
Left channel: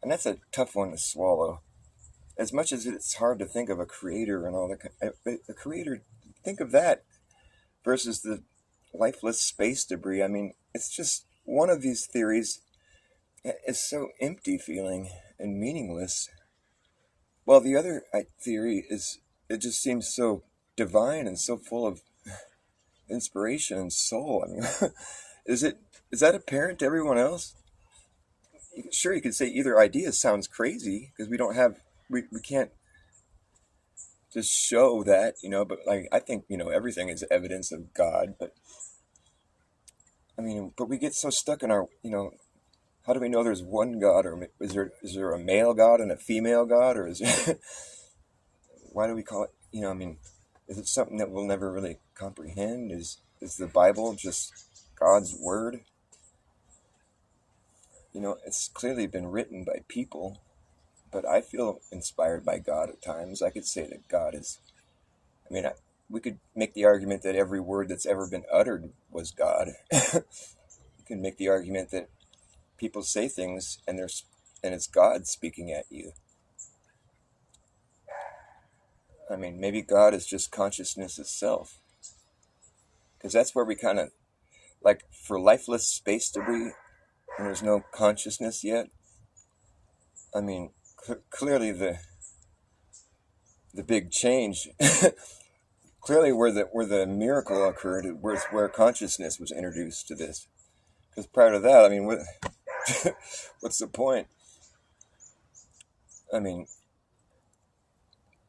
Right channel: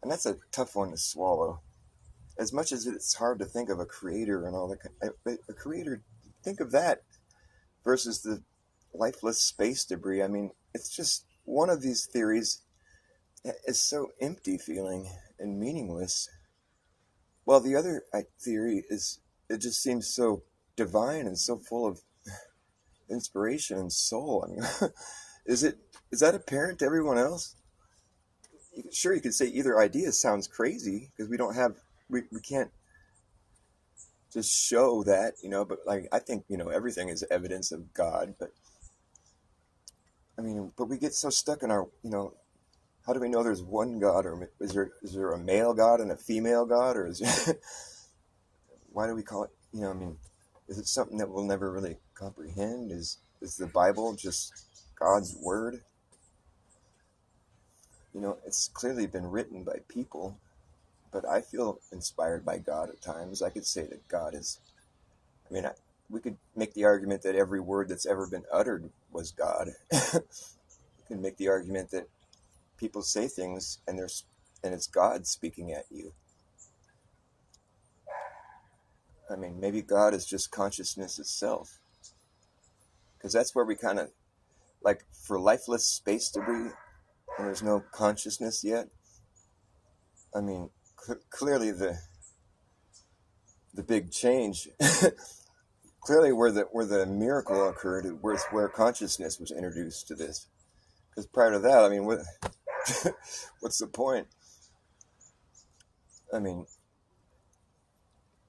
And that's a tough one to swallow. As much as it's hard to think of a creator and all that, the creator, think of that versus the lifeless space debris. I mean, it's just one of these theories is so empty feeling and meaningless, while the other theory is, it just seems so divine and so full of inspiration and soul. I mean, is that apparent to everyone else? Sure, you could say either idea sounds crazy because we can't just show that, but like, I think, everything is evidence of God, but we get so stuck in our, how do we know there's one God, or is there a male God and a female God, or is there, why do we call it, is it something that we'll never really comprehend? Is the Bible just God's word? It's clearly been written by people, but I feel inspired by God at times. I could say that God is, we could make the argument that every word that's ever been uttered was God. We can make the argument that people say things and it's God speaking at you. Maybe God is just consciousness itself. Because that's where we kind of, like, for lifeless space debris, and there's no consciousness yet. Clearly the big change, clearly where the miracle occurred, where consciousness was introduced to this. Because prior to that, what's the point?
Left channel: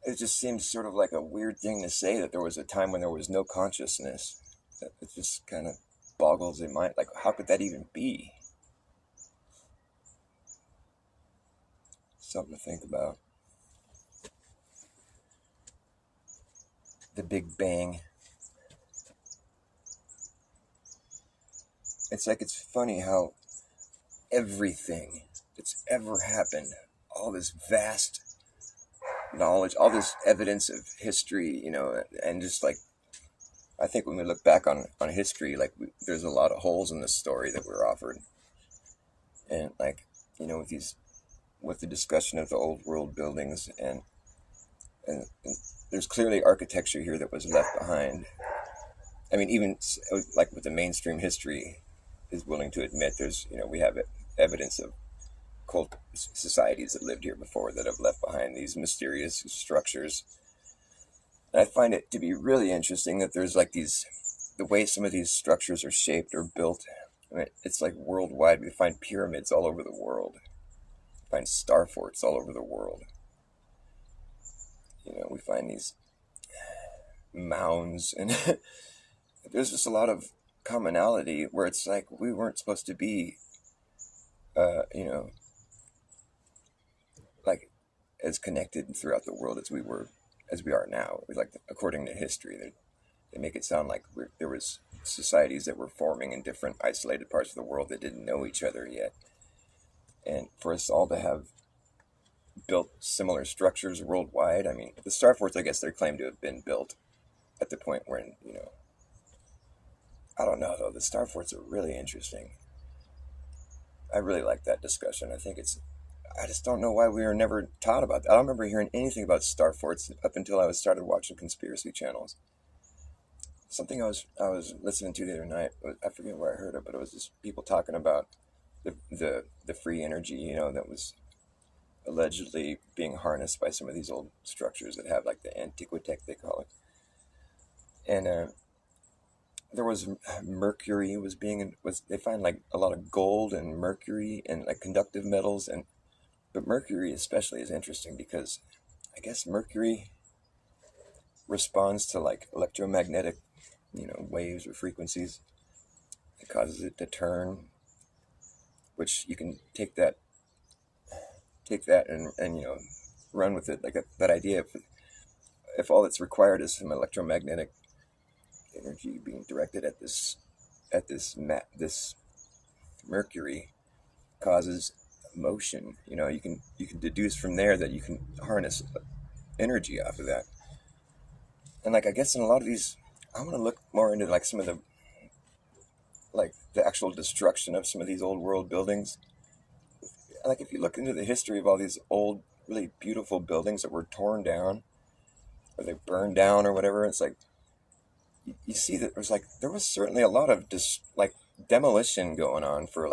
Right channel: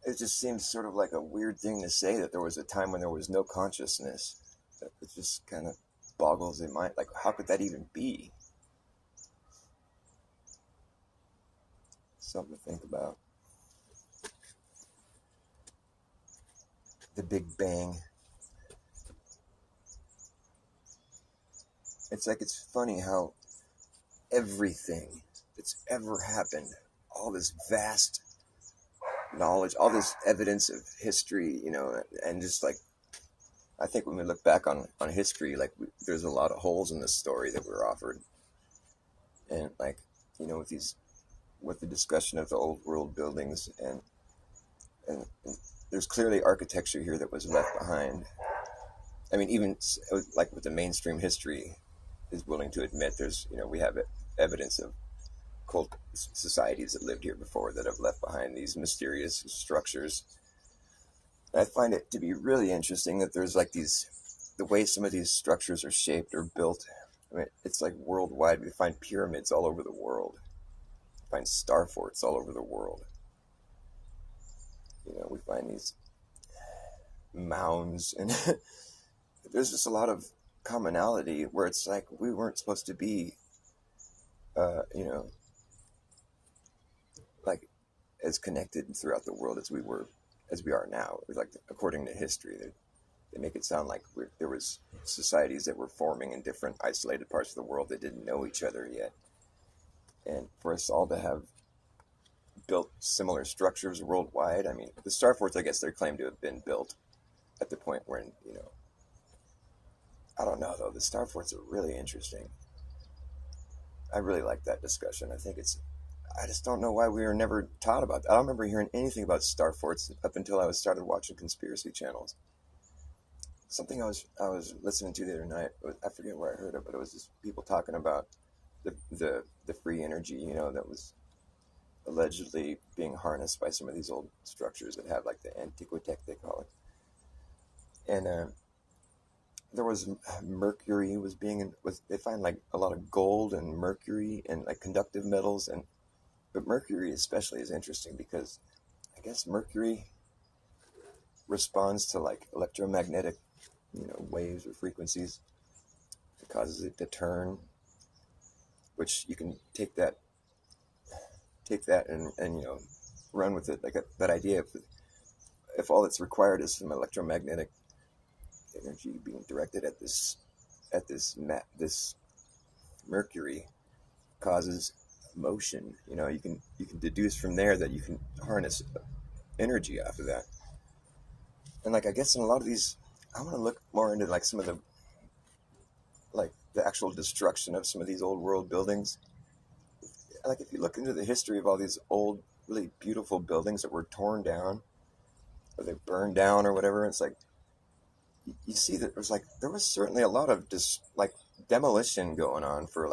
It just seems sort of like a weird thing to say that there was a time when there was no consciousness. It just kind of boggles the mind. Like, how could that even be? Something to think about. The Big Bang. It's funny how everything that's ever happened, all this vast knowledge, all this evidence of history, and just like, I think when we look back on history, like, there's a lot of holes in the story that we're offered. And like, with the discussion of the old world buildings, and there's clearly architecture here that was left behind. Even like with the mainstream history is willing to admit, there's, we have evidence of cult societies that lived here before that have left behind these mysterious structures. And I find it to be really interesting that there's like these, the way some of these structures are shaped or built. I mean, it's like worldwide. We find pyramids all over the world. We find star forts all over the world. We find these mounds, and there's just a lot of commonality where it's like we weren't supposed to be, you know, like as connected throughout the world as we are now. Like according to history, they make it sound like there was societies that were forming in different isolated parts of the world that didn't know each other yet, and for us all to have built similar structures worldwide. I mean, the star forts, I guess they're claimed to have been built at the point when, I don't know though. The star forts are really interesting. I really like that discussion. I just don't know why we were never taught about that. I don't remember hearing anything about star forts up until I started watching conspiracy channels. Something I was listening to the other night, I forget where I heard it, but it was just people talking about the free energy, that was allegedly being harnessed by some of these old structures that have like the antiquitech, they call it. And there was mercury they find like a lot of gold and mercury and like conductive metals, but mercury especially is interesting because I guess mercury responds to like electromagnetic waves or frequencies. It causes it to turn, which you can take that and run with it, like that idea. If all that's required is some electromagnetic energy being directed at this mercury causes motion, you can deduce from there that you can harness energy off of that. And like I guess in a lot of these, I want to look more into like some of the actual destruction of some of these old world buildings. Like if you look into the history of all these old really beautiful buildings that were torn down or they burned down or whatever, it's like you see that there was certainly a lot of demolition going on for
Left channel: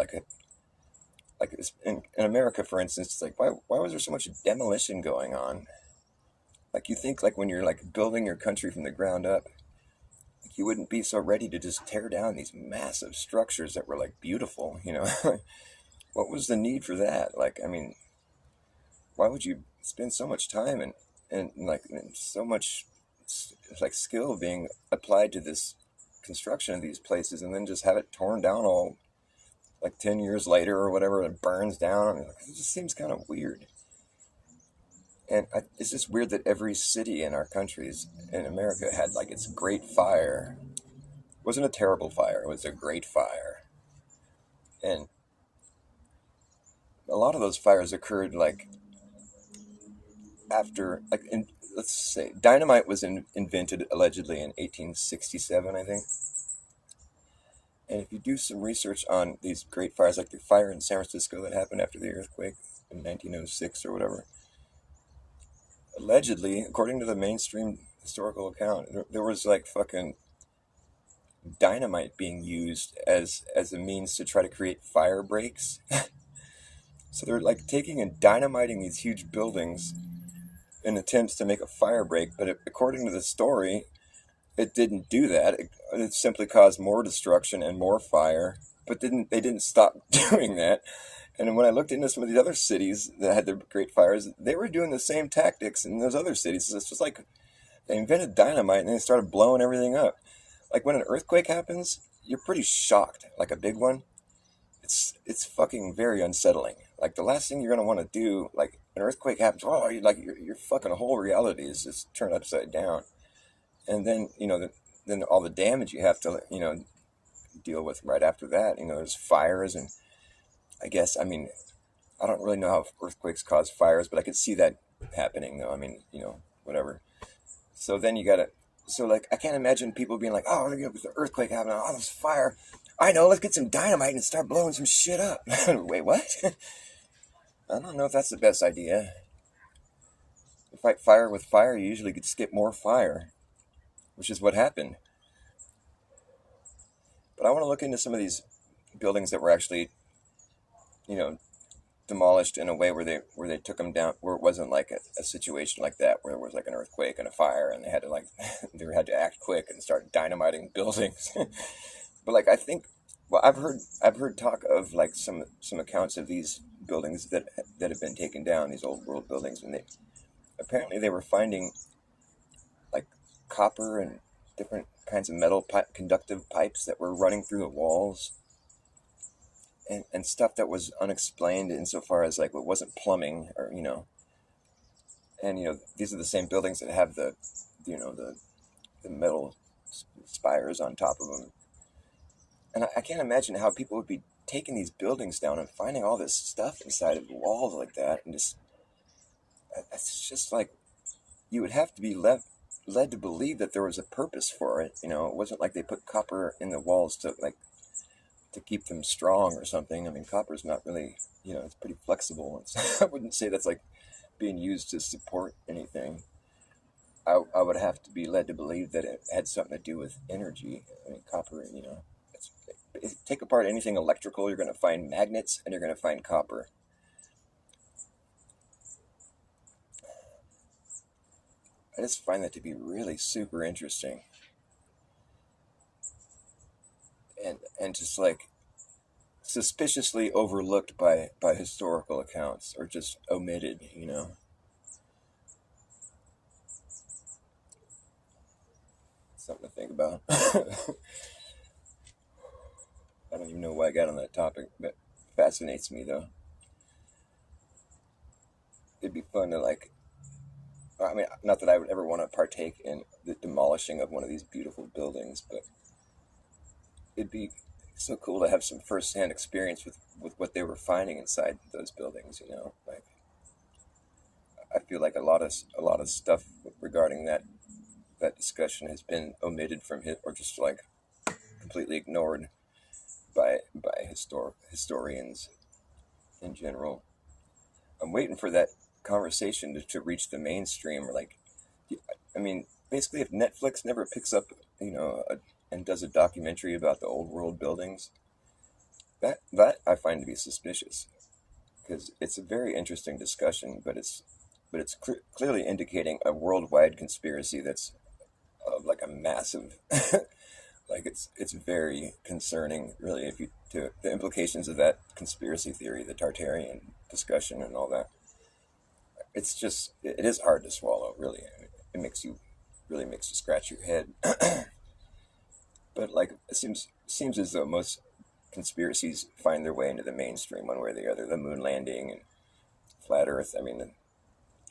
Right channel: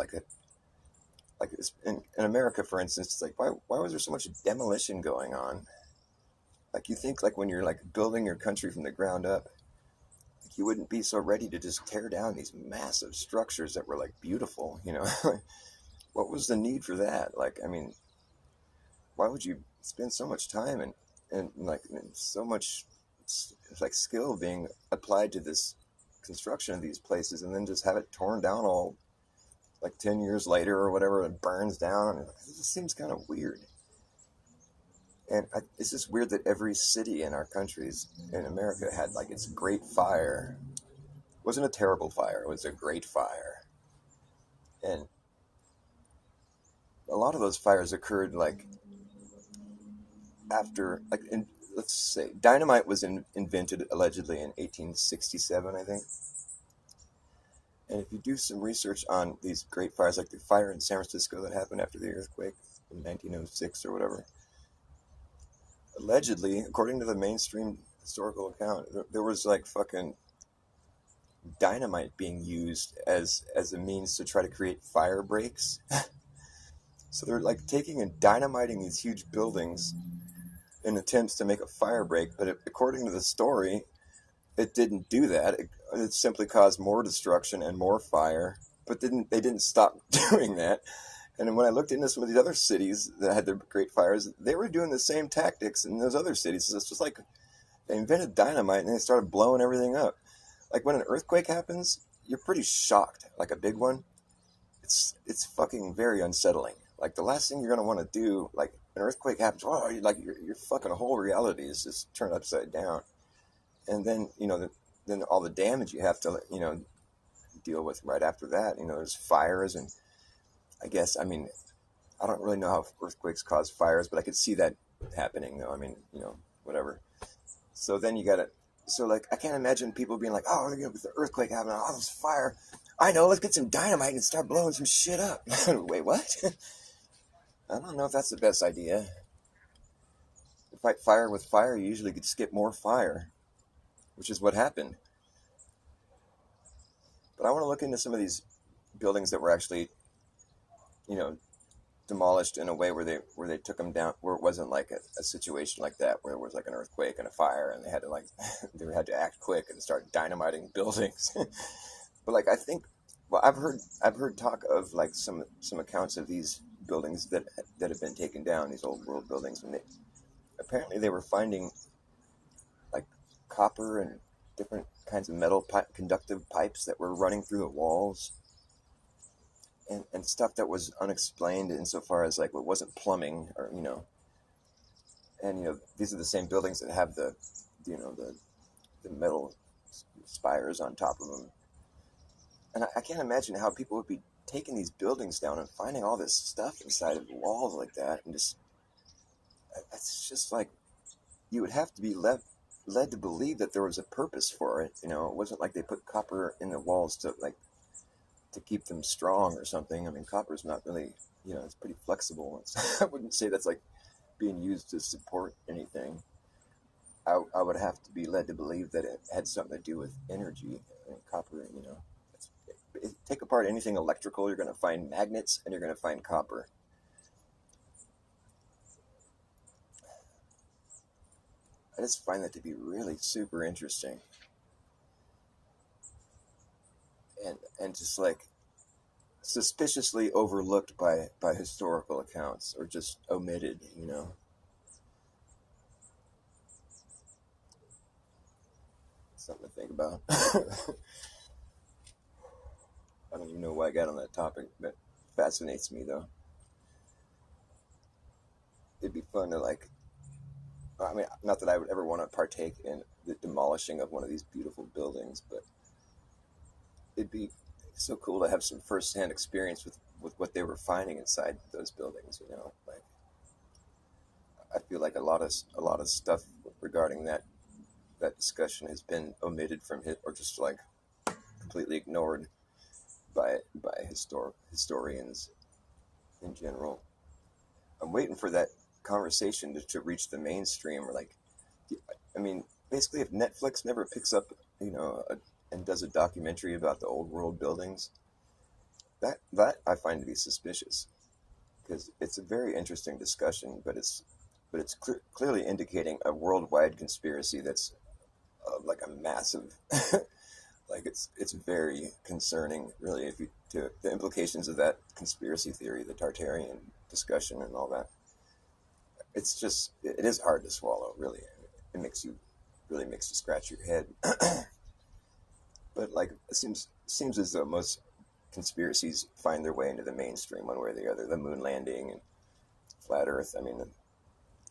in America, for instance. It's like why was there so much demolition going on? Like you think like when you're like building your country from the ground up, you wouldn't be so ready to just tear down these massive structures that were like beautiful, What was the need for that? Like, I mean, why would you spend so much time and so much like skill being applied to this construction of these places and then just have it torn down all like 10 years later or whatever, it burns down? I mean, it just seems kind of weird. And it's just weird that every city in our countries in America had like its great fire. It wasn't a terrible fire, it was a great fire. And a lot of those fires occurred like after, let's say, dynamite was invented allegedly in 1867, I think. And if you do some research on these great fires, like the fire in San Francisco that happened after the earthquake in 1906 or whatever, allegedly, according to the mainstream historical account, there was like fucking dynamite being used as a means to try to create fire breaks. So they're like taking and dynamiting these huge buildings in attempts to make a fire break, but according to the story, it didn't do that. It simply caused more destruction and more fire, but they didn't stop doing that. And when I looked into some of these other cities that had their great fires, they were doing the same tactics in those other cities. So it's just like they invented dynamite and then they started blowing everything up. Like when an earthquake happens, you're pretty shocked, like a big one. It's fucking very unsettling. Like the last thing you're gonna want to do, like an earthquake happens, your fucking whole reality is just turned upside down. And then then all the damage you have to deal with right after that. There's fires, and I guess I don't really know how earthquakes cause fires, but I could see that happening though. Whatever. So then I can't imagine people being like, oh, with the earthquake happening, oh, there's fire. I know, let's get some dynamite and start blowing some shit up. Wait, what? I don't know if that's the best idea. To fight fire with fire, you usually could skip more fire, which is what happened. But I want to look into some of these buildings that were actually, demolished in a way where they took them down, where it wasn't like a situation like that where there was like an earthquake and a fire and they had to like they had to act quick and start dynamiting buildings. But like I think, well, I've heard talk of like some accounts of these buildings that have been taken down, these old world buildings, and they were finding like copper and different kinds of metal conductive pipes that were running through the walls, and stuff that was unexplained insofar as like it wasn't plumbing, or and these are the same buildings that have the you know the metal spires on top of them. And I can't imagine how people would be taking these buildings down and finding all this stuff inside of the walls like that, and just it's just like you would have to be led to believe that there was a purpose for it. It wasn't like they put copper in the walls to keep them strong or something. I mean, copper's not really, it's pretty flexible. I wouldn't say that's like being used to support anything. I would have to be led to believe that it had something to do with energy. I mean, copper, take apart anything electrical, you're going to find magnets and you're going to find copper. I just find that to be really super interesting. And just like suspiciously overlooked by historical accounts, or just omitted. Something to think about. I don't even know why I got on that topic, but it fascinates me though. It'd be fun to I mean, not that I would ever want to partake in the demolishing of one of these beautiful buildings, but it'd be so cool to have some first-hand experience with what they were finding inside those buildings. Like I feel like a lot of stuff regarding that discussion has been omitted from it, or just like completely ignored by historians in general. I'm waiting for that conversation to reach the mainstream, or I mean, basically, if Netflix never picks up, and does a documentary about the old world buildings, that I find to be suspicious, because it's a very interesting discussion, but it's clearly indicating a worldwide conspiracy that's like a massive, like it's very concerning, really, if you to the implications of that conspiracy theory, the Tartarian discussion, and all that. It's just it is hard to swallow, really. It really makes you scratch your head. But like it seems as though most conspiracies find their way into the mainstream one way or the other. The moon landing and flat Earth. I mean, you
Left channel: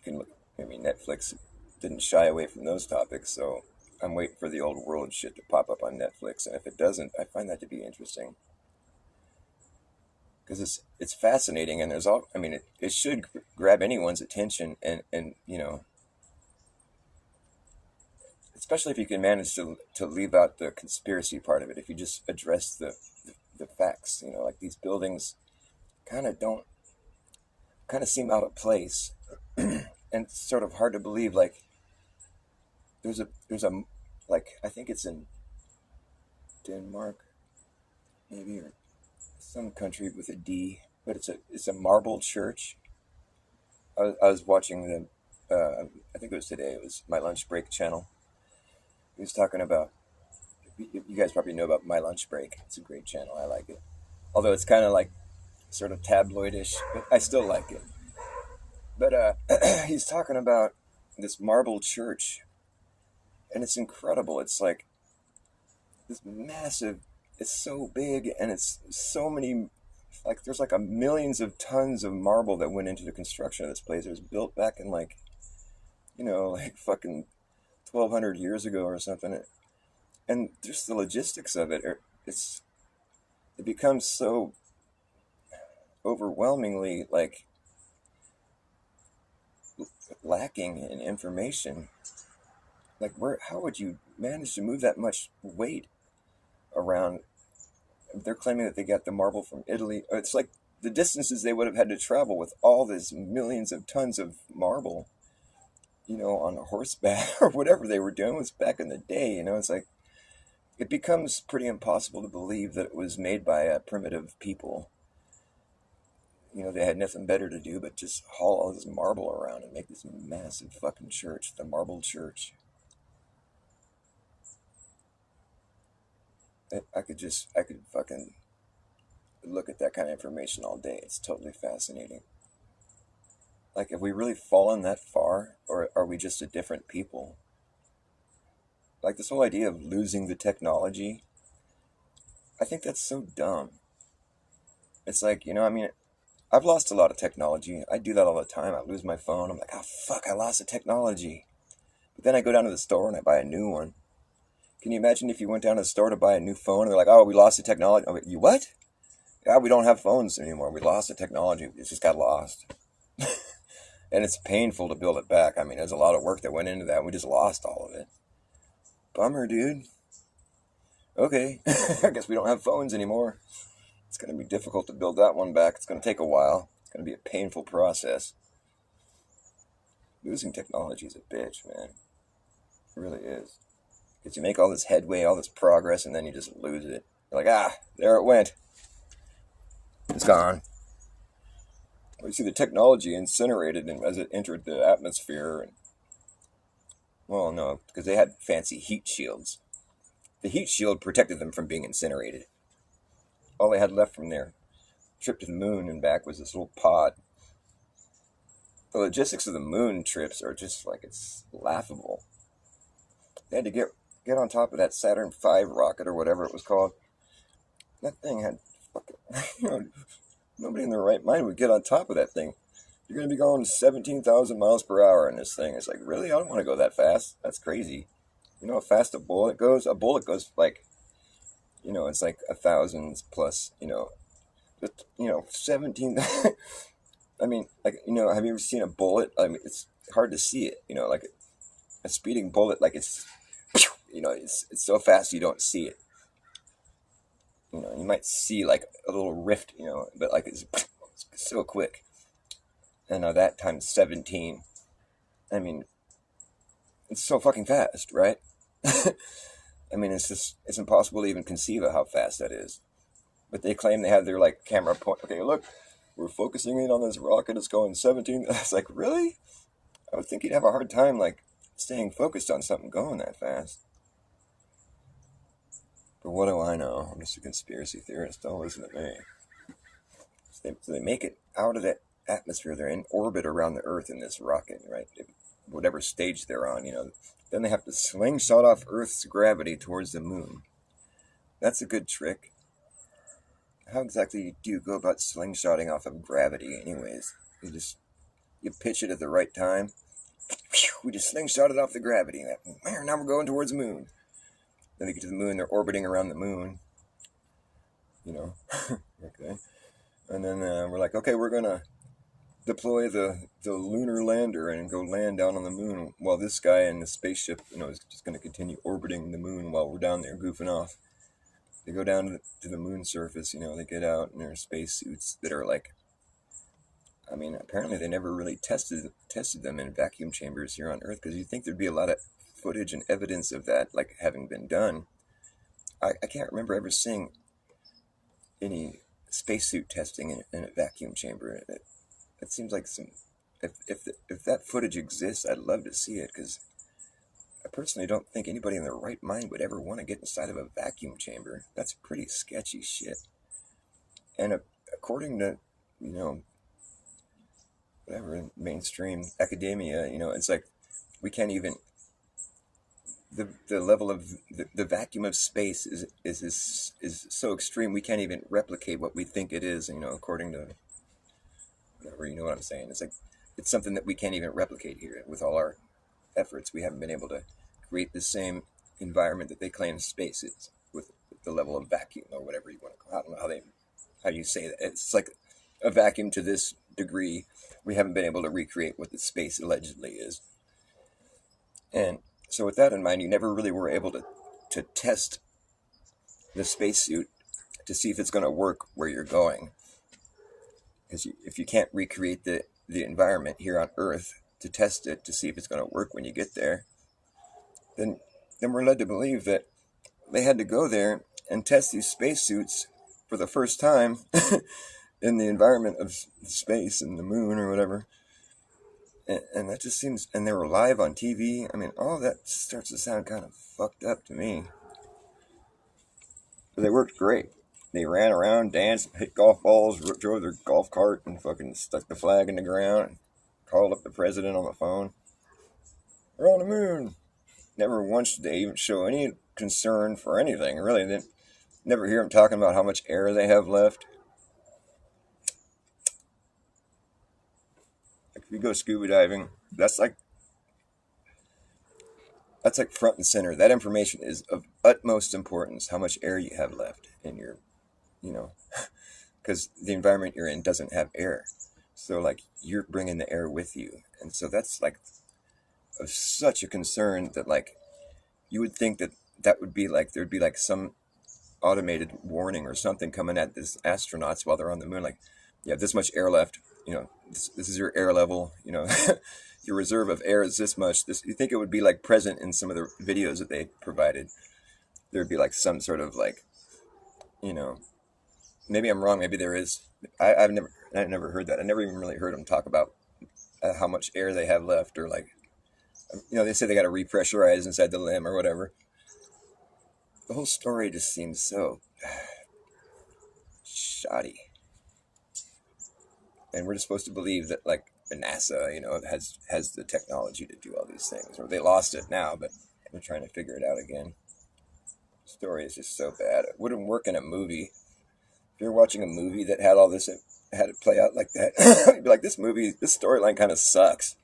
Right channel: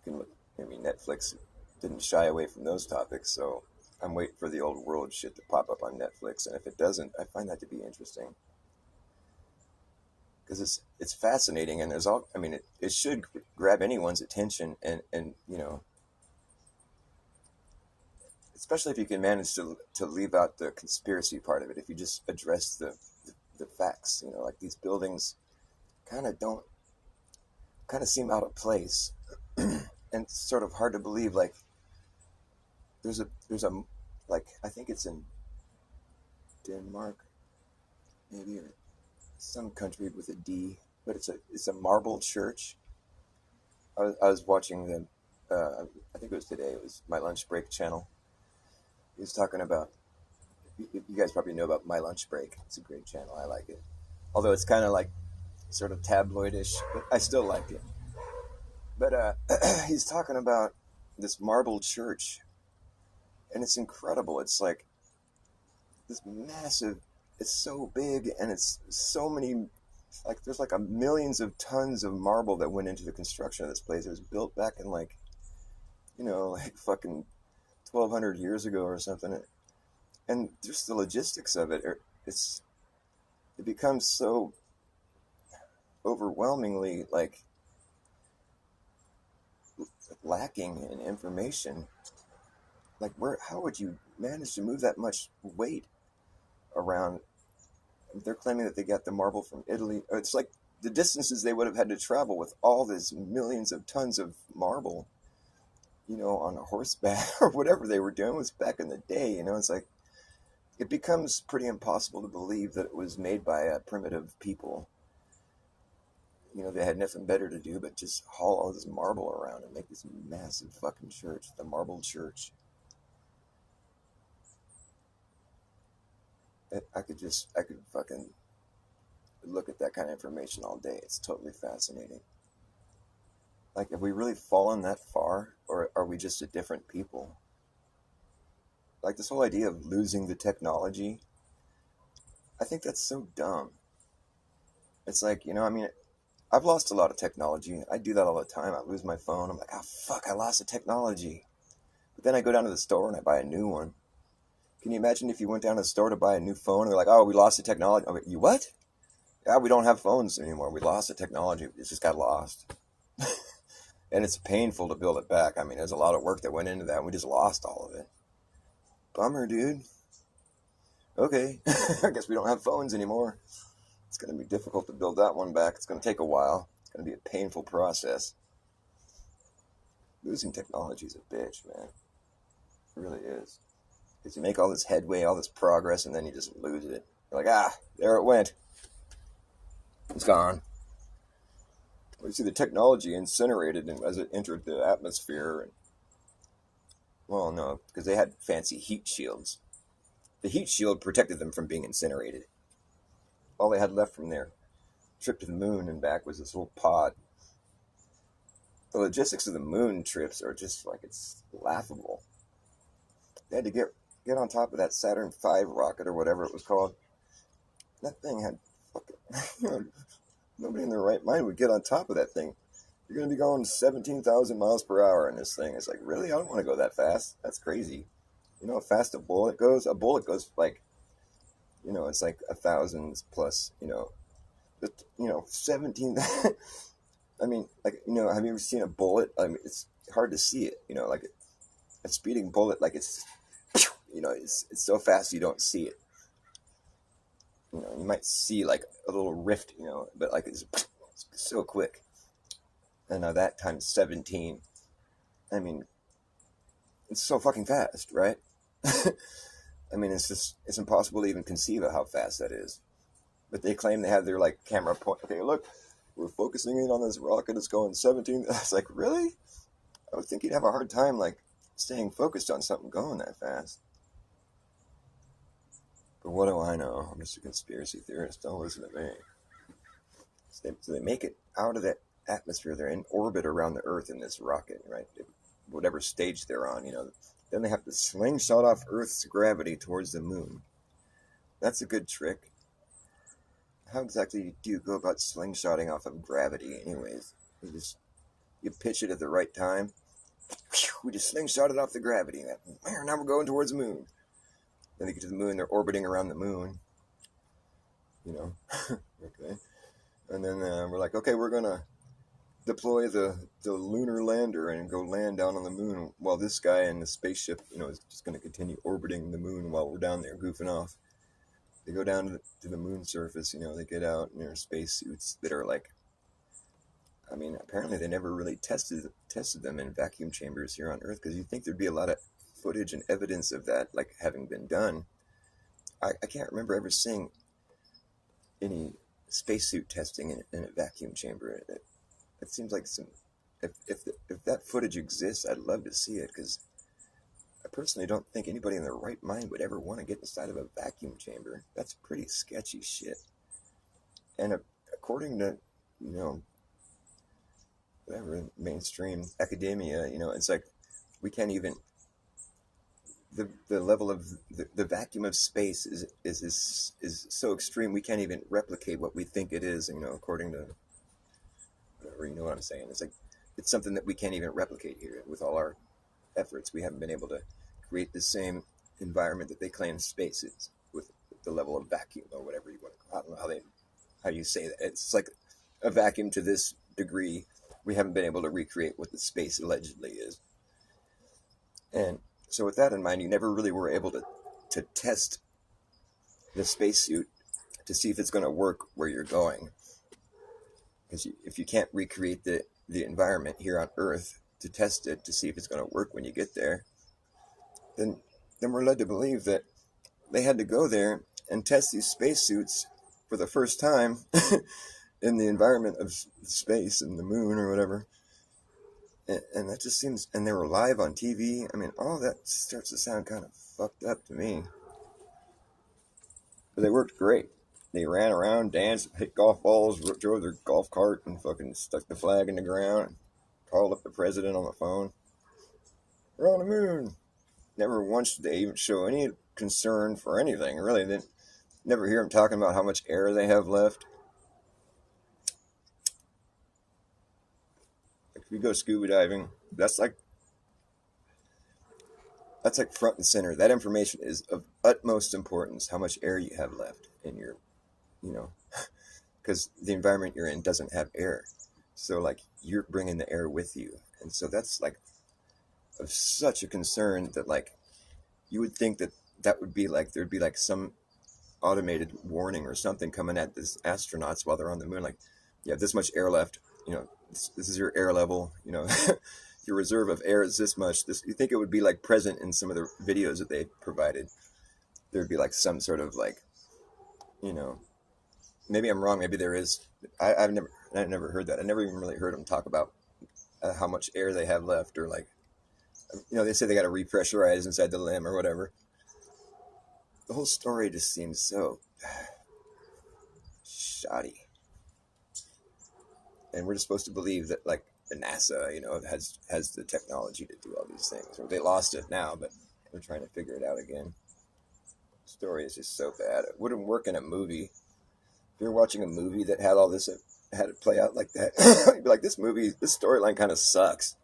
can look. Maybe Netflix didn't shy away from those topics, so I'm waiting for the old world shit to pop up on Netflix. And if it doesn't, I find that to be interesting, because it's fascinating, and there's all. I mean, it should grab anyone's attention, and especially if you can manage to leave out the conspiracy part of it. If you just address the facts, like these buildings kind of seem out of place, and it's sort of hard to believe. Like there's a like, I think it's in Denmark, maybe, or some country with a D, but it's a marble church. I was watching I think it was today. It was My Lunch Break channel. He was talking about. You guys probably know about My Lunch Break. It's a great channel. I like it, although it's kind of like sort of tabloidish, but I still like it. But he's talking about this marble church, and it's incredible. It's like this massive. It's so big, and it's so many. Like there's like millions of tons of marble that went into the construction of this place. It was built back in like fucking 1,200 years ago or something, and just the logistics of it. It becomes so overwhelmingly like lacking in information. Like how would you manage to move that much weight around? They're claiming that they got the marble from Italy. It's like the distances they would have had to travel with all this millions of tons of marble, on a horseback or whatever they were doing was back in the day. It's like it becomes pretty impossible to believe that it was made by a primitive people. they had nothing better to do but just haul all this marble around and make this massive fucking church, the marble church. I could fucking look at that kind of information all day. It's totally fascinating. Like, have we really fallen that far, or are we just a different people? Like, this whole idea of losing the technology, I think that's so dumb. It's like, I've lost a lot of technology. I do that all the time. I lose my phone. I'm like, oh, fuck, I lost the technology. But then I go down to the store and I buy a new one. Can you imagine if you went down to the store to buy a new phone and they're like, oh, we lost the technology? Oh, you what? Yeah, we don't have phones anymore. We lost the technology. It just got lost. And it's painful to build it back. I mean, there's a lot of work that went into that. We just lost all of it. Bummer, dude. Okay, I guess we don't have phones anymore. It's going to be difficult to build that one back. It's going to take a while. It's going to be a painful process. Losing technology is a bitch, man. It really is. Because you make all this headway, all this progress, and then you just lose it. You're like, there it went. It's gone. You see the technology incinerated as it entered the atmosphere. Well, no, because they had fancy heat shields. The heat shield protected them from being incinerated. All they had left from their trip to the moon and back was this little pod. The logistics of the moon trips are just like, it's laughable. They had to get on top of that Saturn V rocket or whatever it was called. That thing had fucking, nobody in their right mind would get on top of that thing. You're going to be going 17,000 miles per hour in this thing. It's like, really? I don't want to go that fast. That's crazy. You know how fast a bullet goes? A bullet goes like, it's like 1,000 plus, 17. I mean, like, have you ever seen a bullet? I mean, it's hard to see it, like a speeding bullet, like it's so fast you don't see it. You might see like a little rift, but like it's so quick. And now that times 17. I mean, it's so fucking fast, right? I mean, it's impossible to even conceive of how fast that is. But they claim they have their like camera point. Okay, look, we're focusing in on this rocket. It's going 17. I was like, really? I would think you'd have a hard time like staying focused on something going that fast. But what do I know? I'm just a conspiracy theorist. Don't listen to me. So they make it out of the atmosphere. They're in orbit around the Earth in this rocket, right? Whatever stage they're on, Then they have to slingshot off Earth's gravity towards the moon. That's a good trick. How exactly do you go about slingshotting off of gravity anyways? You pitch it at the right time. We just slingshot it off the gravity. Now we're going towards the moon. Then they get to the moon, they're orbiting around the moon. Okay. And then we're like, okay, we're going to deploy the lunar lander and go land down on the moon while this guy in the spaceship, is just going to continue orbiting the moon while we're down there goofing off. They go down to the moon surface, they get out in their spacesuits that are like, I mean, apparently they never really tested them in vacuum chambers here on Earth, because you'd think there'd be a lot of footage and evidence of that, like, having been done. I can't remember ever seeing any spacesuit testing in a vacuum chamber. It seems like if that footage exists, I'd love to see it, because I personally don't think anybody in their right mind would ever want to get inside of a vacuum chamber. That's pretty sketchy shit. And according to, whatever, mainstream academia, it's like we can't even, the level of the vacuum of space is so extreme, we can't even replicate what we think it is, according to whatever, you know what I'm saying. It's like, it's something that we can't even replicate here with all our efforts. We haven't been able to create the same environment that they claim space is, with the level of vacuum or whatever you want to call it. I don't know how you say that. It's like a vacuum to this degree. We haven't been able to recreate what the space allegedly is. And so with that in mind, you never really were able to test the spacesuit to see if it's going to work where you're going. Because if you can't recreate the environment here on Earth to test it, to see if it's going to work when you get there, then we're led to believe that they had to go there and test these spacesuits for the first time in the environment of space and the moon or whatever. And that just seems, and they were live on TV. I mean, all that starts to sound kind of fucked up to me. But they worked great. They ran around, danced, hit golf balls, drove their golf cart, and fucking stuck the flag in the ground, and called up the president on the phone. We're on the moon. Never once did they even show any concern for anything, really. They never hear them talking about how much air they have left. If you go scuba diving, that's like front and center. That information is of utmost importance, how much air you have left in your, because the environment you're in doesn't have air. So, like, you're bringing the air with you. And so that's, like, of such a concern that, like, you would think that would be, like, there'd be, like, some automated warning or something coming at these astronauts while they're on the moon. Like, you have this much air left, this is your air level, your reserve of air is this much. You think it would be, like, present in some of the videos that they provided. There would be, like, some sort of, like, maybe I'm wrong. Maybe there is. I've never heard that. I never even really heard them talk about how much air they have left, or, like, they say they got to repressurize inside the limb or whatever. The whole story just seems so shoddy. And we're just supposed to believe that, like, NASA, has the technology to do all these things. Or they lost it now, but they're trying to figure it out again. The story is just so bad. It wouldn't work in a movie. If you're watching a movie that had all this, had it play out like that, you'd be like, this storyline kind of sucks.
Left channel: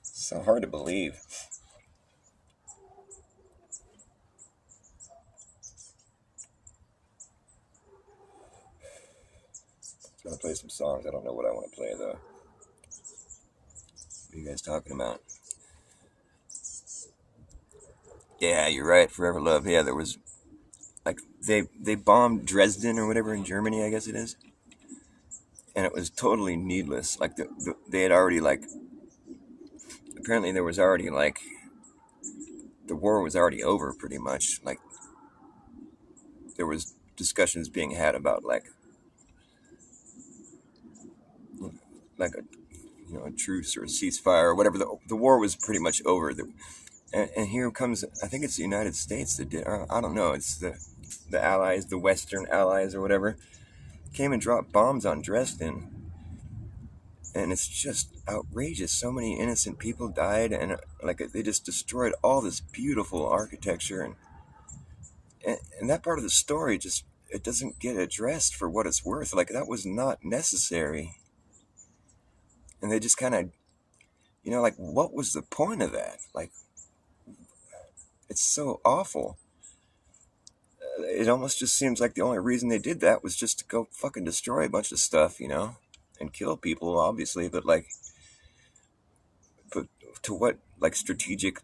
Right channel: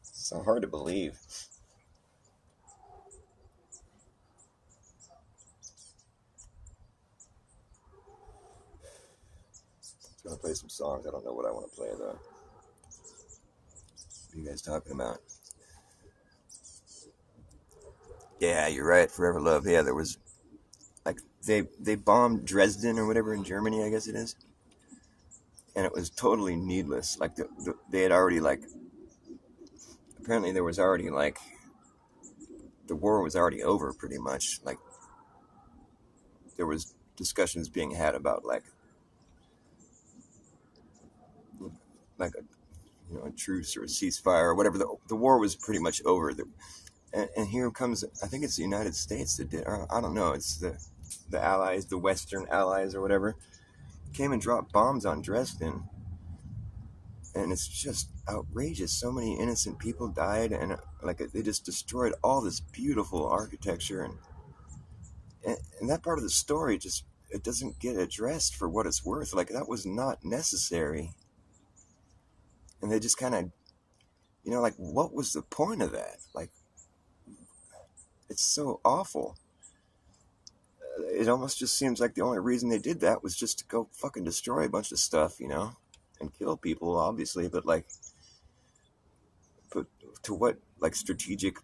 It's so hard to believe. I'm going to play some songs. I don't know what I want to play, though. What are you guys talking about? Yeah, you're right. Forever Love. Yeah, there was, like, they bombed Dresden or whatever in Germany, I guess it is. And it was totally needless. Like, they had already, like, apparently there was already, like, the war was already over pretty much. Like, there was discussions being had about, like a truce or a ceasefire or whatever. The war was pretty much over. And here comes, I think it's the United States that did, I don't know, it's the Allies, the Western Allies or whatever, came and dropped bombs on Dresden. And it's just outrageous. So many innocent people died, and, like, they just destroyed all this beautiful architecture. And that part of the story just, it doesn't get addressed for what it's worth. Like, that was not necessary. And they just kind of, like, what was the point of that? Like, it's so awful. It almost just seems like the only reason they did that was just to go fucking destroy a bunch of stuff, and kill people, obviously. But, like, but to what, like, strategic,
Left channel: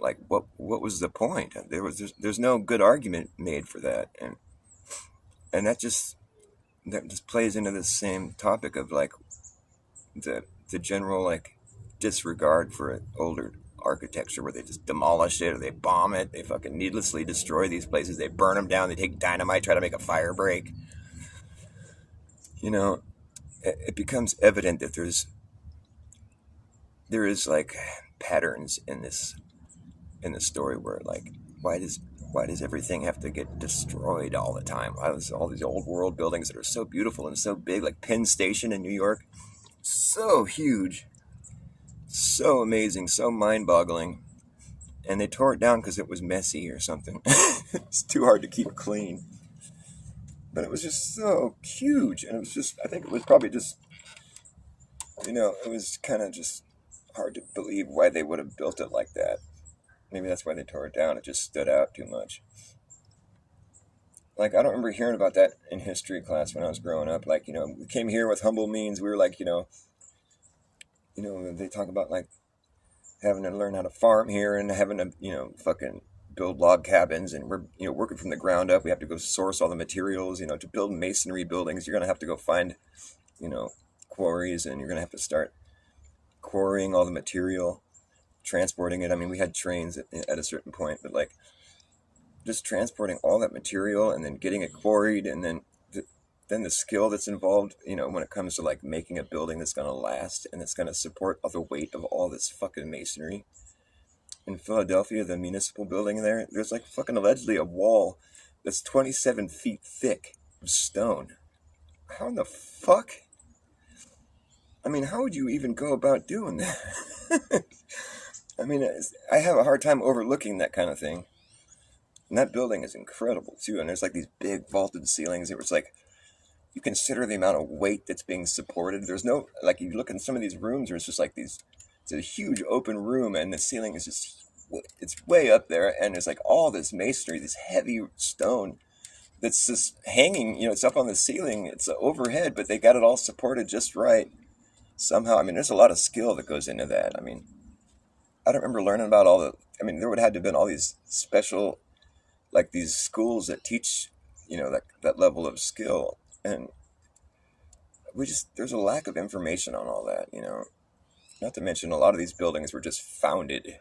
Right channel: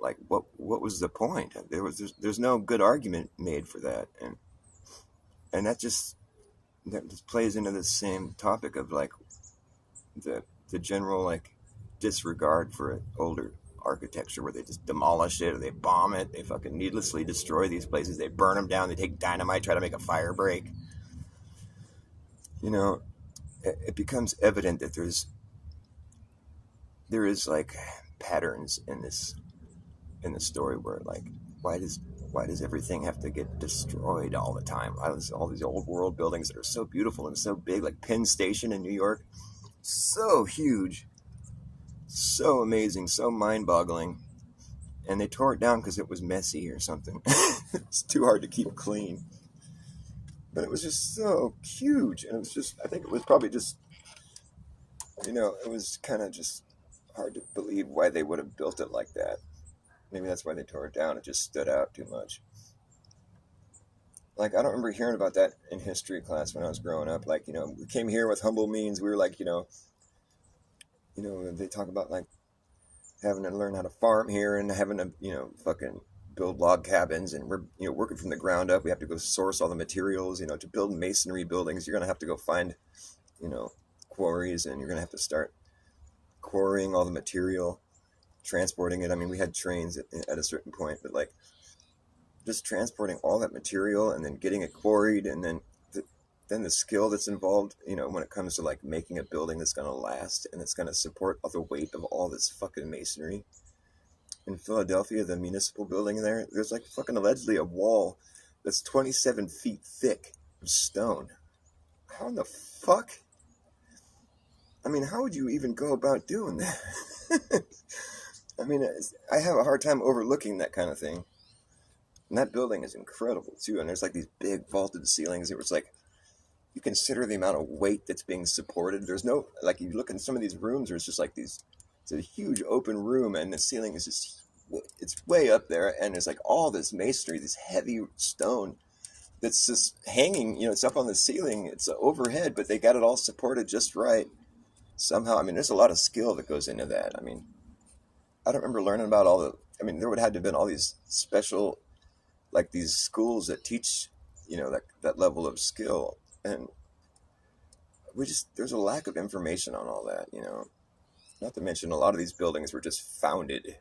like, what was the point? There's no good argument made for that. And that just plays into the same topic of, like, the general, like, disregard for older architecture, where they just demolish it or they bomb it. They fucking needlessly destroy these places. They burn them down. They take dynamite, try to make a fire break. It becomes evident that there is, like, patterns in the story where, like, why does everything have to get destroyed all the time? Why does all these old world buildings that are so beautiful and so big, like Penn Station in New York, so huge, so amazing, so mind-boggling, and they tore it down because it was messy or something. It's too hard to keep clean. But it was just so huge, and it was just, I think it was probably just, it was kind of just hard to believe why they would have built it like that. Maybe that's why they tore it down. It just stood out too much. Like, I don't remember hearing about that in history class when I was growing up. Like, we came here with humble means. We were like, they talk about, like, having to learn how to farm here and having to, fucking build log cabins, and we're, working from the ground up. We have to go source all the materials, to build masonry buildings. You're going to have to go find, quarries, and you're going to have to start quarrying all the material, transporting it. I mean, we had trains at a certain point, but, like, just transporting all that material and then getting it quarried, and then then the skill that's involved, when it comes to like making a building that's going to last and that's going to support the weight of all this fucking masonry. In Philadelphia, the municipal building there's like fucking allegedly a wall that's 27 feet thick of stone. How in the fuck? I mean, how would you even go about doing that? I mean, I have a hard time overlooking that kind of thing. And that building is incredible too. And there's like these big vaulted ceilings. It was like, you consider the amount of weight that's being supported. There's no, like, you look in some of these rooms where it's just like it's a huge open room and the ceiling is just, it's way up there. And there's like all this masonry, this heavy stone that's just hanging, it's up on the ceiling. It's overhead, but they got it all supported just right somehow. I mean, there's a lot of skill that goes into that. I mean, I don't remember learning about there would have to have been all these special, like these schools that teach, that level of skill. And there's a lack of information on all that, not to mention a lot of these buildings were just founded.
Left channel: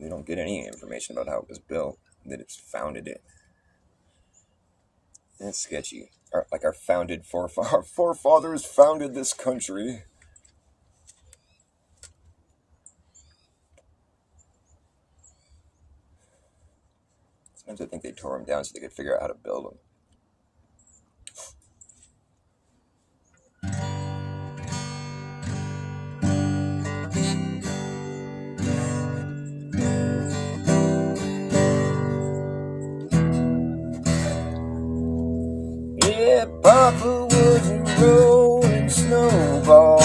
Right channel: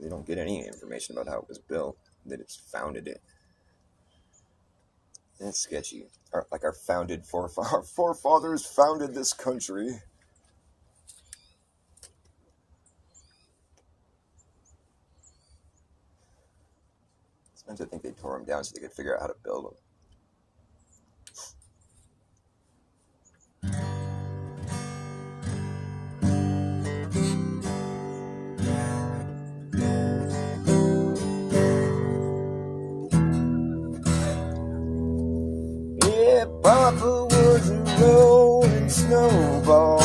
They don't get any information about how it was built, that it's founded it. And it's sketchy. Our forefathers founded this country. Sometimes I think they tore them down so they could figure out how to build them. Yeah, Papa was a rolling snowball.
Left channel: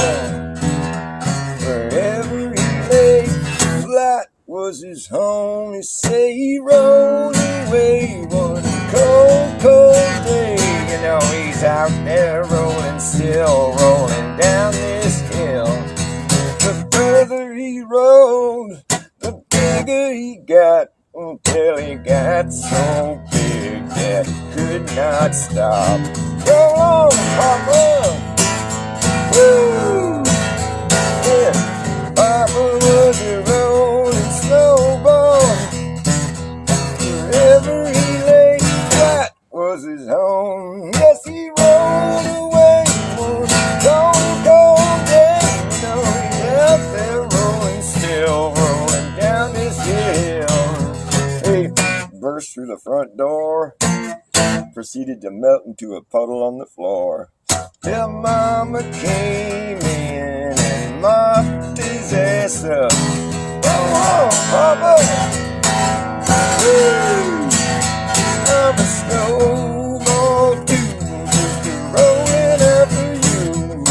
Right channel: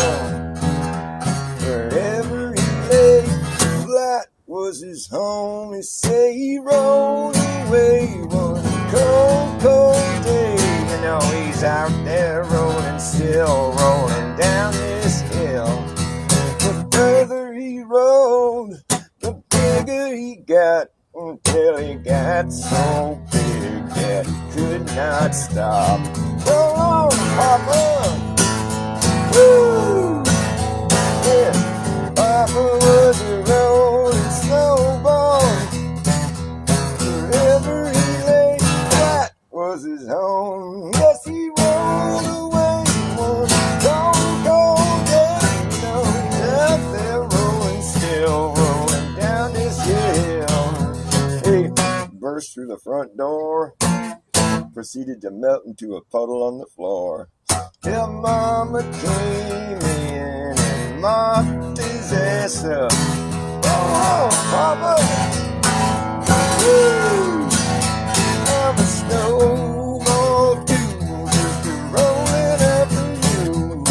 Wherever he lay, flat was his home. They say he rolled away one cold, cold day. He's out there rolling, still rolling down this hill. The further he rolled, the bigger he got, until he got so big that he could not stop. Roll on, Papa! Woo! Yeah, Papa was a rolling snowball. Wherever he lay, flat was his home. Yes, he rolled away one cold, cold day. He's out there rolling, still rolling down this hill. He burst through the front door, proceeded to melt into a puddle on the floor. Till Mama came in and mopped his ass up. Oh, Papa! Woo! I'm a snowball too, just a rolling after you.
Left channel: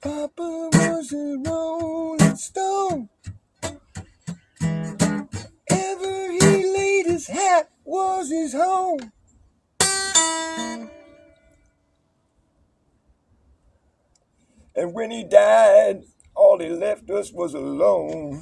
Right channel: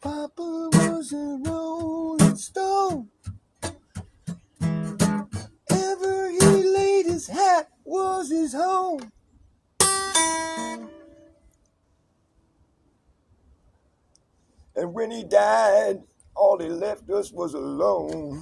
Papa was a rolling stone. Ever he laid his hat was his home. And when he died, all he left us was alone.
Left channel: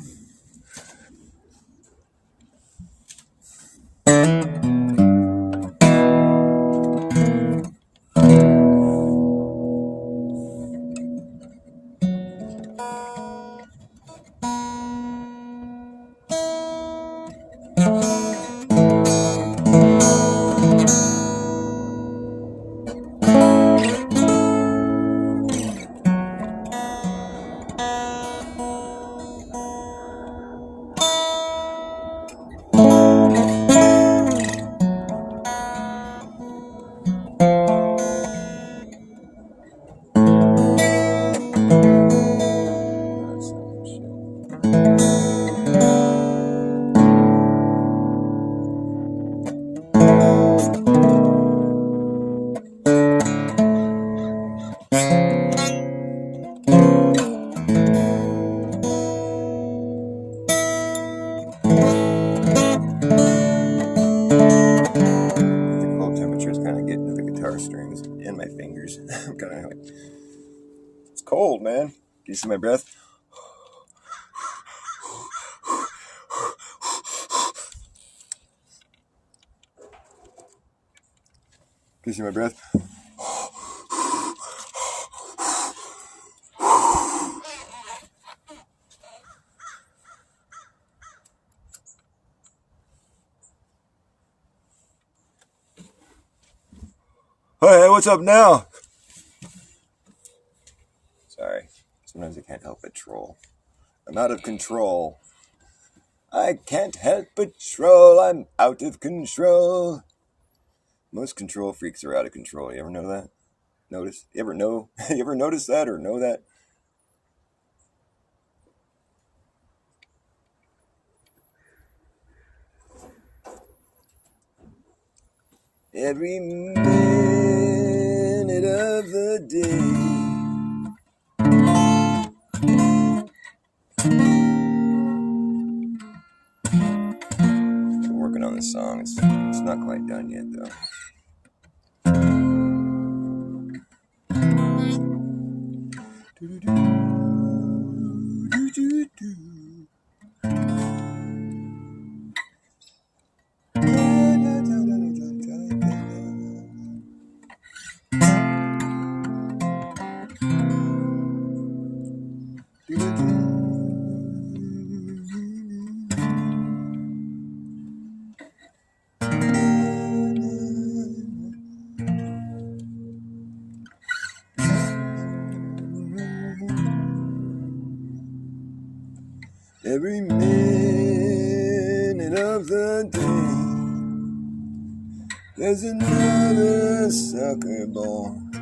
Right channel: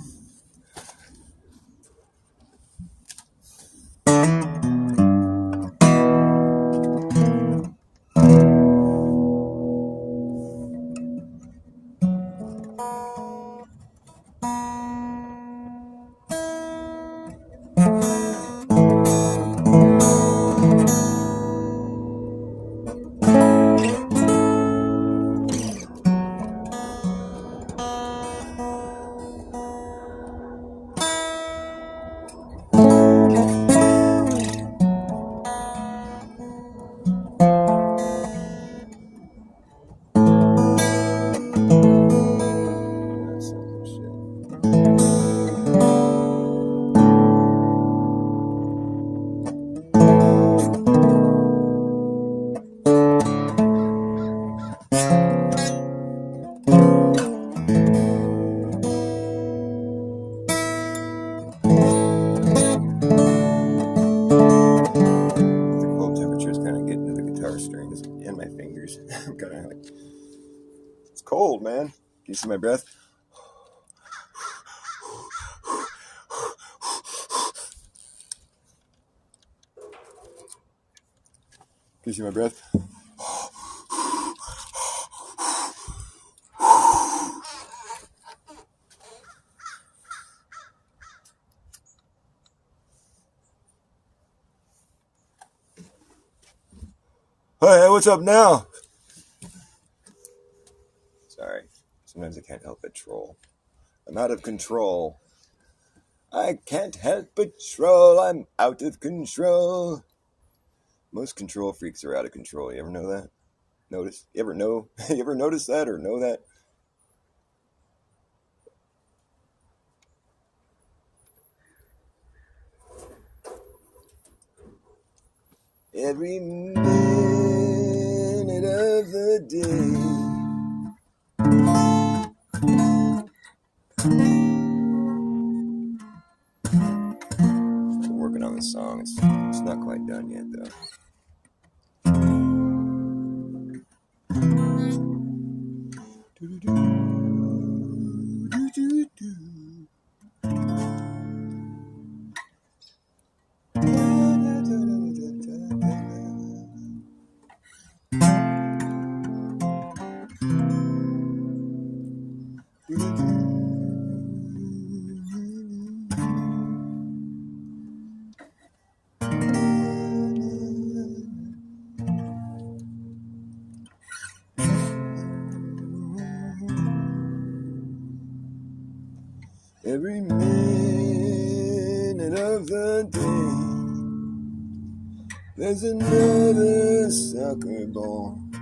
Strings and my fingers. I'm kind of like, it's cold, man. Can you see my breath? Can you see my breath? Hey, what's up now? Sorry, sometimes I can't help but troll. I'm out of control. I can't help but troll. I'm out of control. Most control freaks are out of control. You ever know that? Notice? You ever know? You ever notice that or know that? Every minute of the day. Working on the song. It's not quite done yet, though. Every minute of the day, there's another sucker born.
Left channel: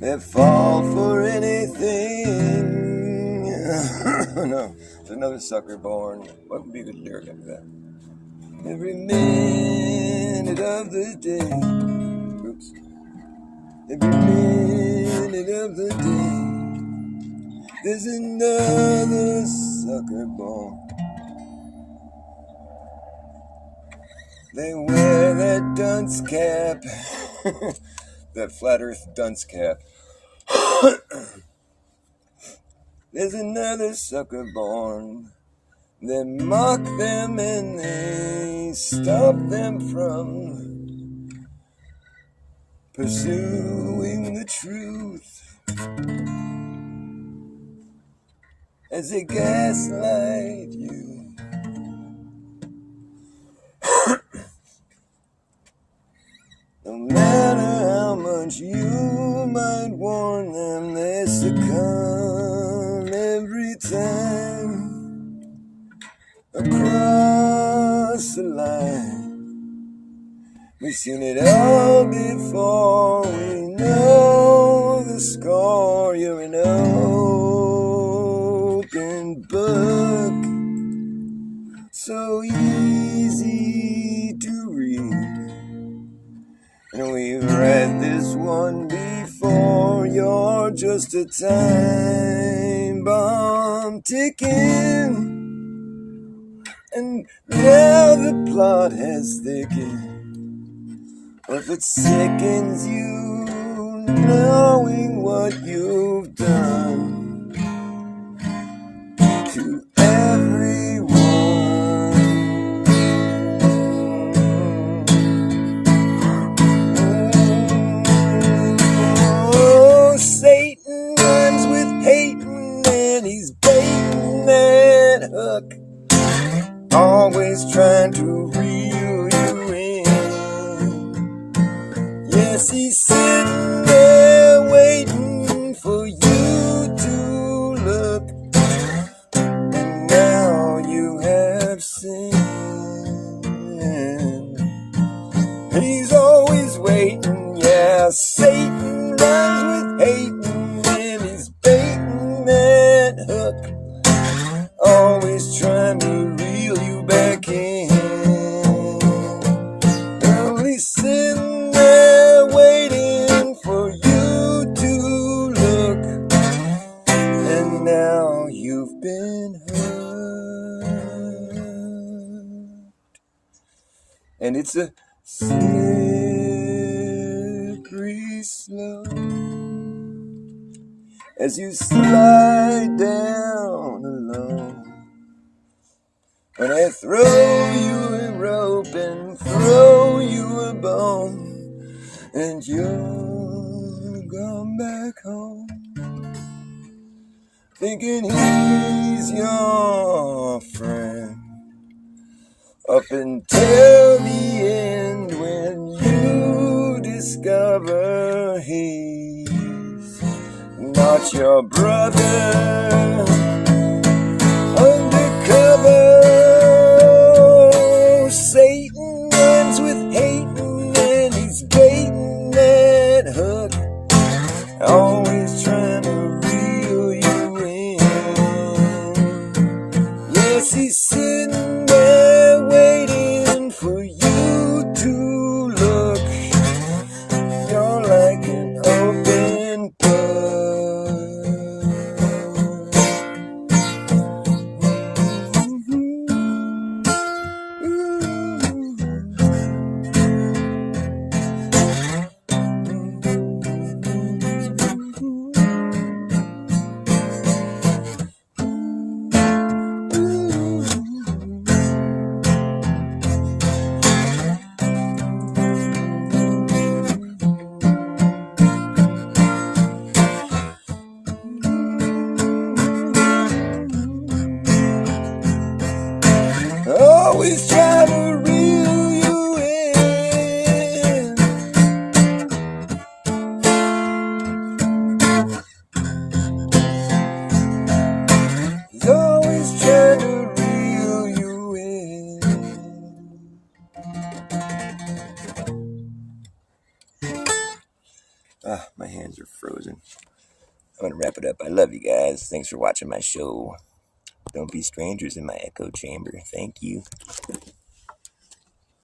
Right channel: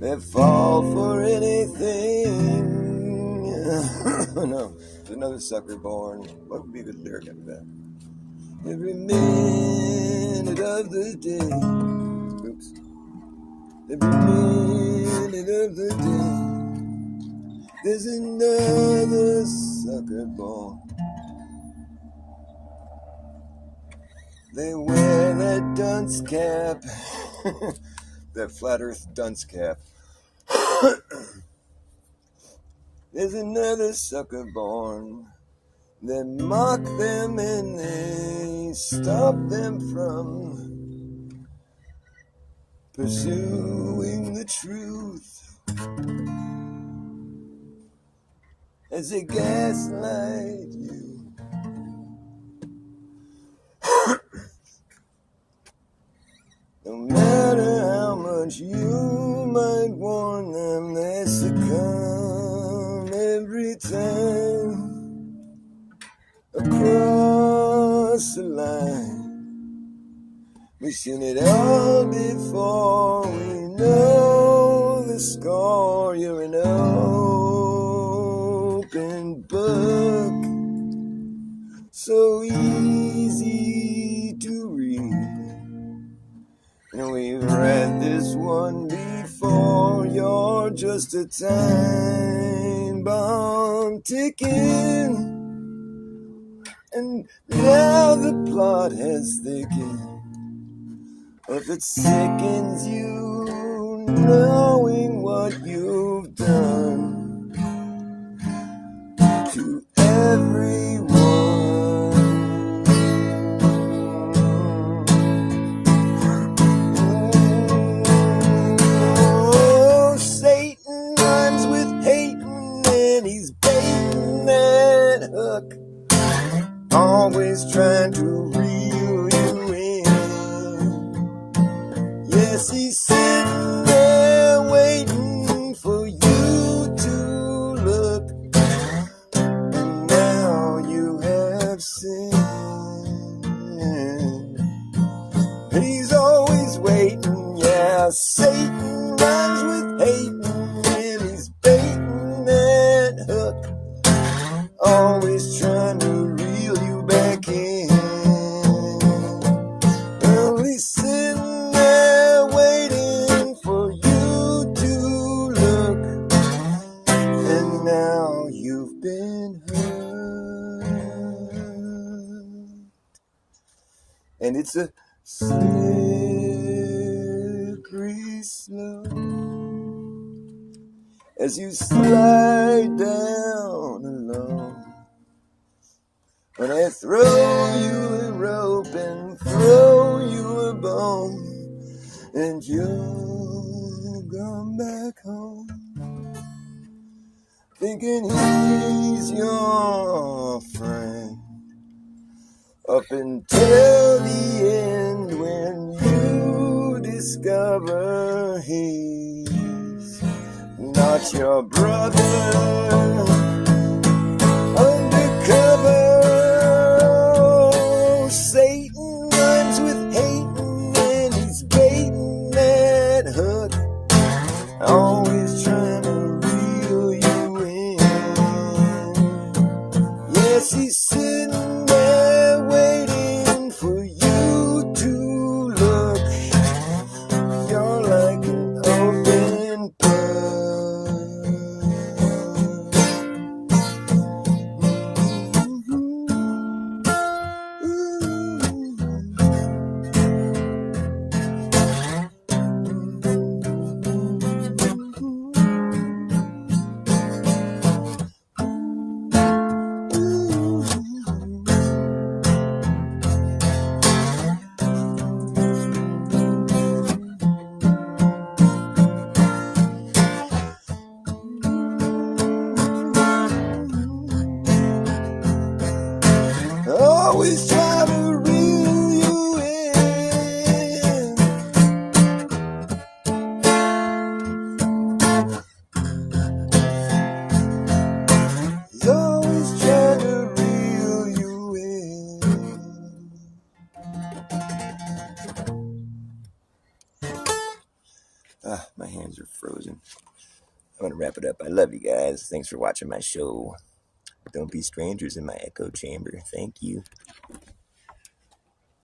They fall for anything. No, there's another sucker born. What would be a good lyric after that? Every minute of the day. Oops. Every minute of the day, there's another sucker born. They wear that dunce cap, that flat earth dunce cap. There's another sucker born. They mock them and they stop them from pursuing the truth. As they gaslight you. No matter how much you might warn them, they succumb every time across the line. We've seen it all before, we know the score. You're an open book, so easy to read. And we've read this one before. You're just a time bomb ticking, and now the plot has thickened. If it sickens you knowing what you've done to everyone, oh, Satan rhymes with hating and he's baiting that hook, always trying to reel you in. Yes, he's sitting there waiting for you to look, and now you have sinned. He's always waiting, yeah, Satan rhymes with hating, and he's baiting that hook, always trying to reel you back in. Well, he's sitting there waiting for you to look, and now you've been hurt. And it's a slippery slope as you slide down alone. When I throw you a rope and throw you a bone, and you'll come back home, thinking he's your friend. up until the end when you discover he's not your brother. Undercover, Satan runs with hating and he's baiting that hook, always trying to reel you in. Yes, he's sitting there waiting for you to look. You're like an open book. Always try to reel you in. He's always trying to reel you in. Ah, my hands are frozen. I'm gonna wrap it up. I love you guys. Thanks for watching my show. Don't be strangers in my echo chamber. Thank you.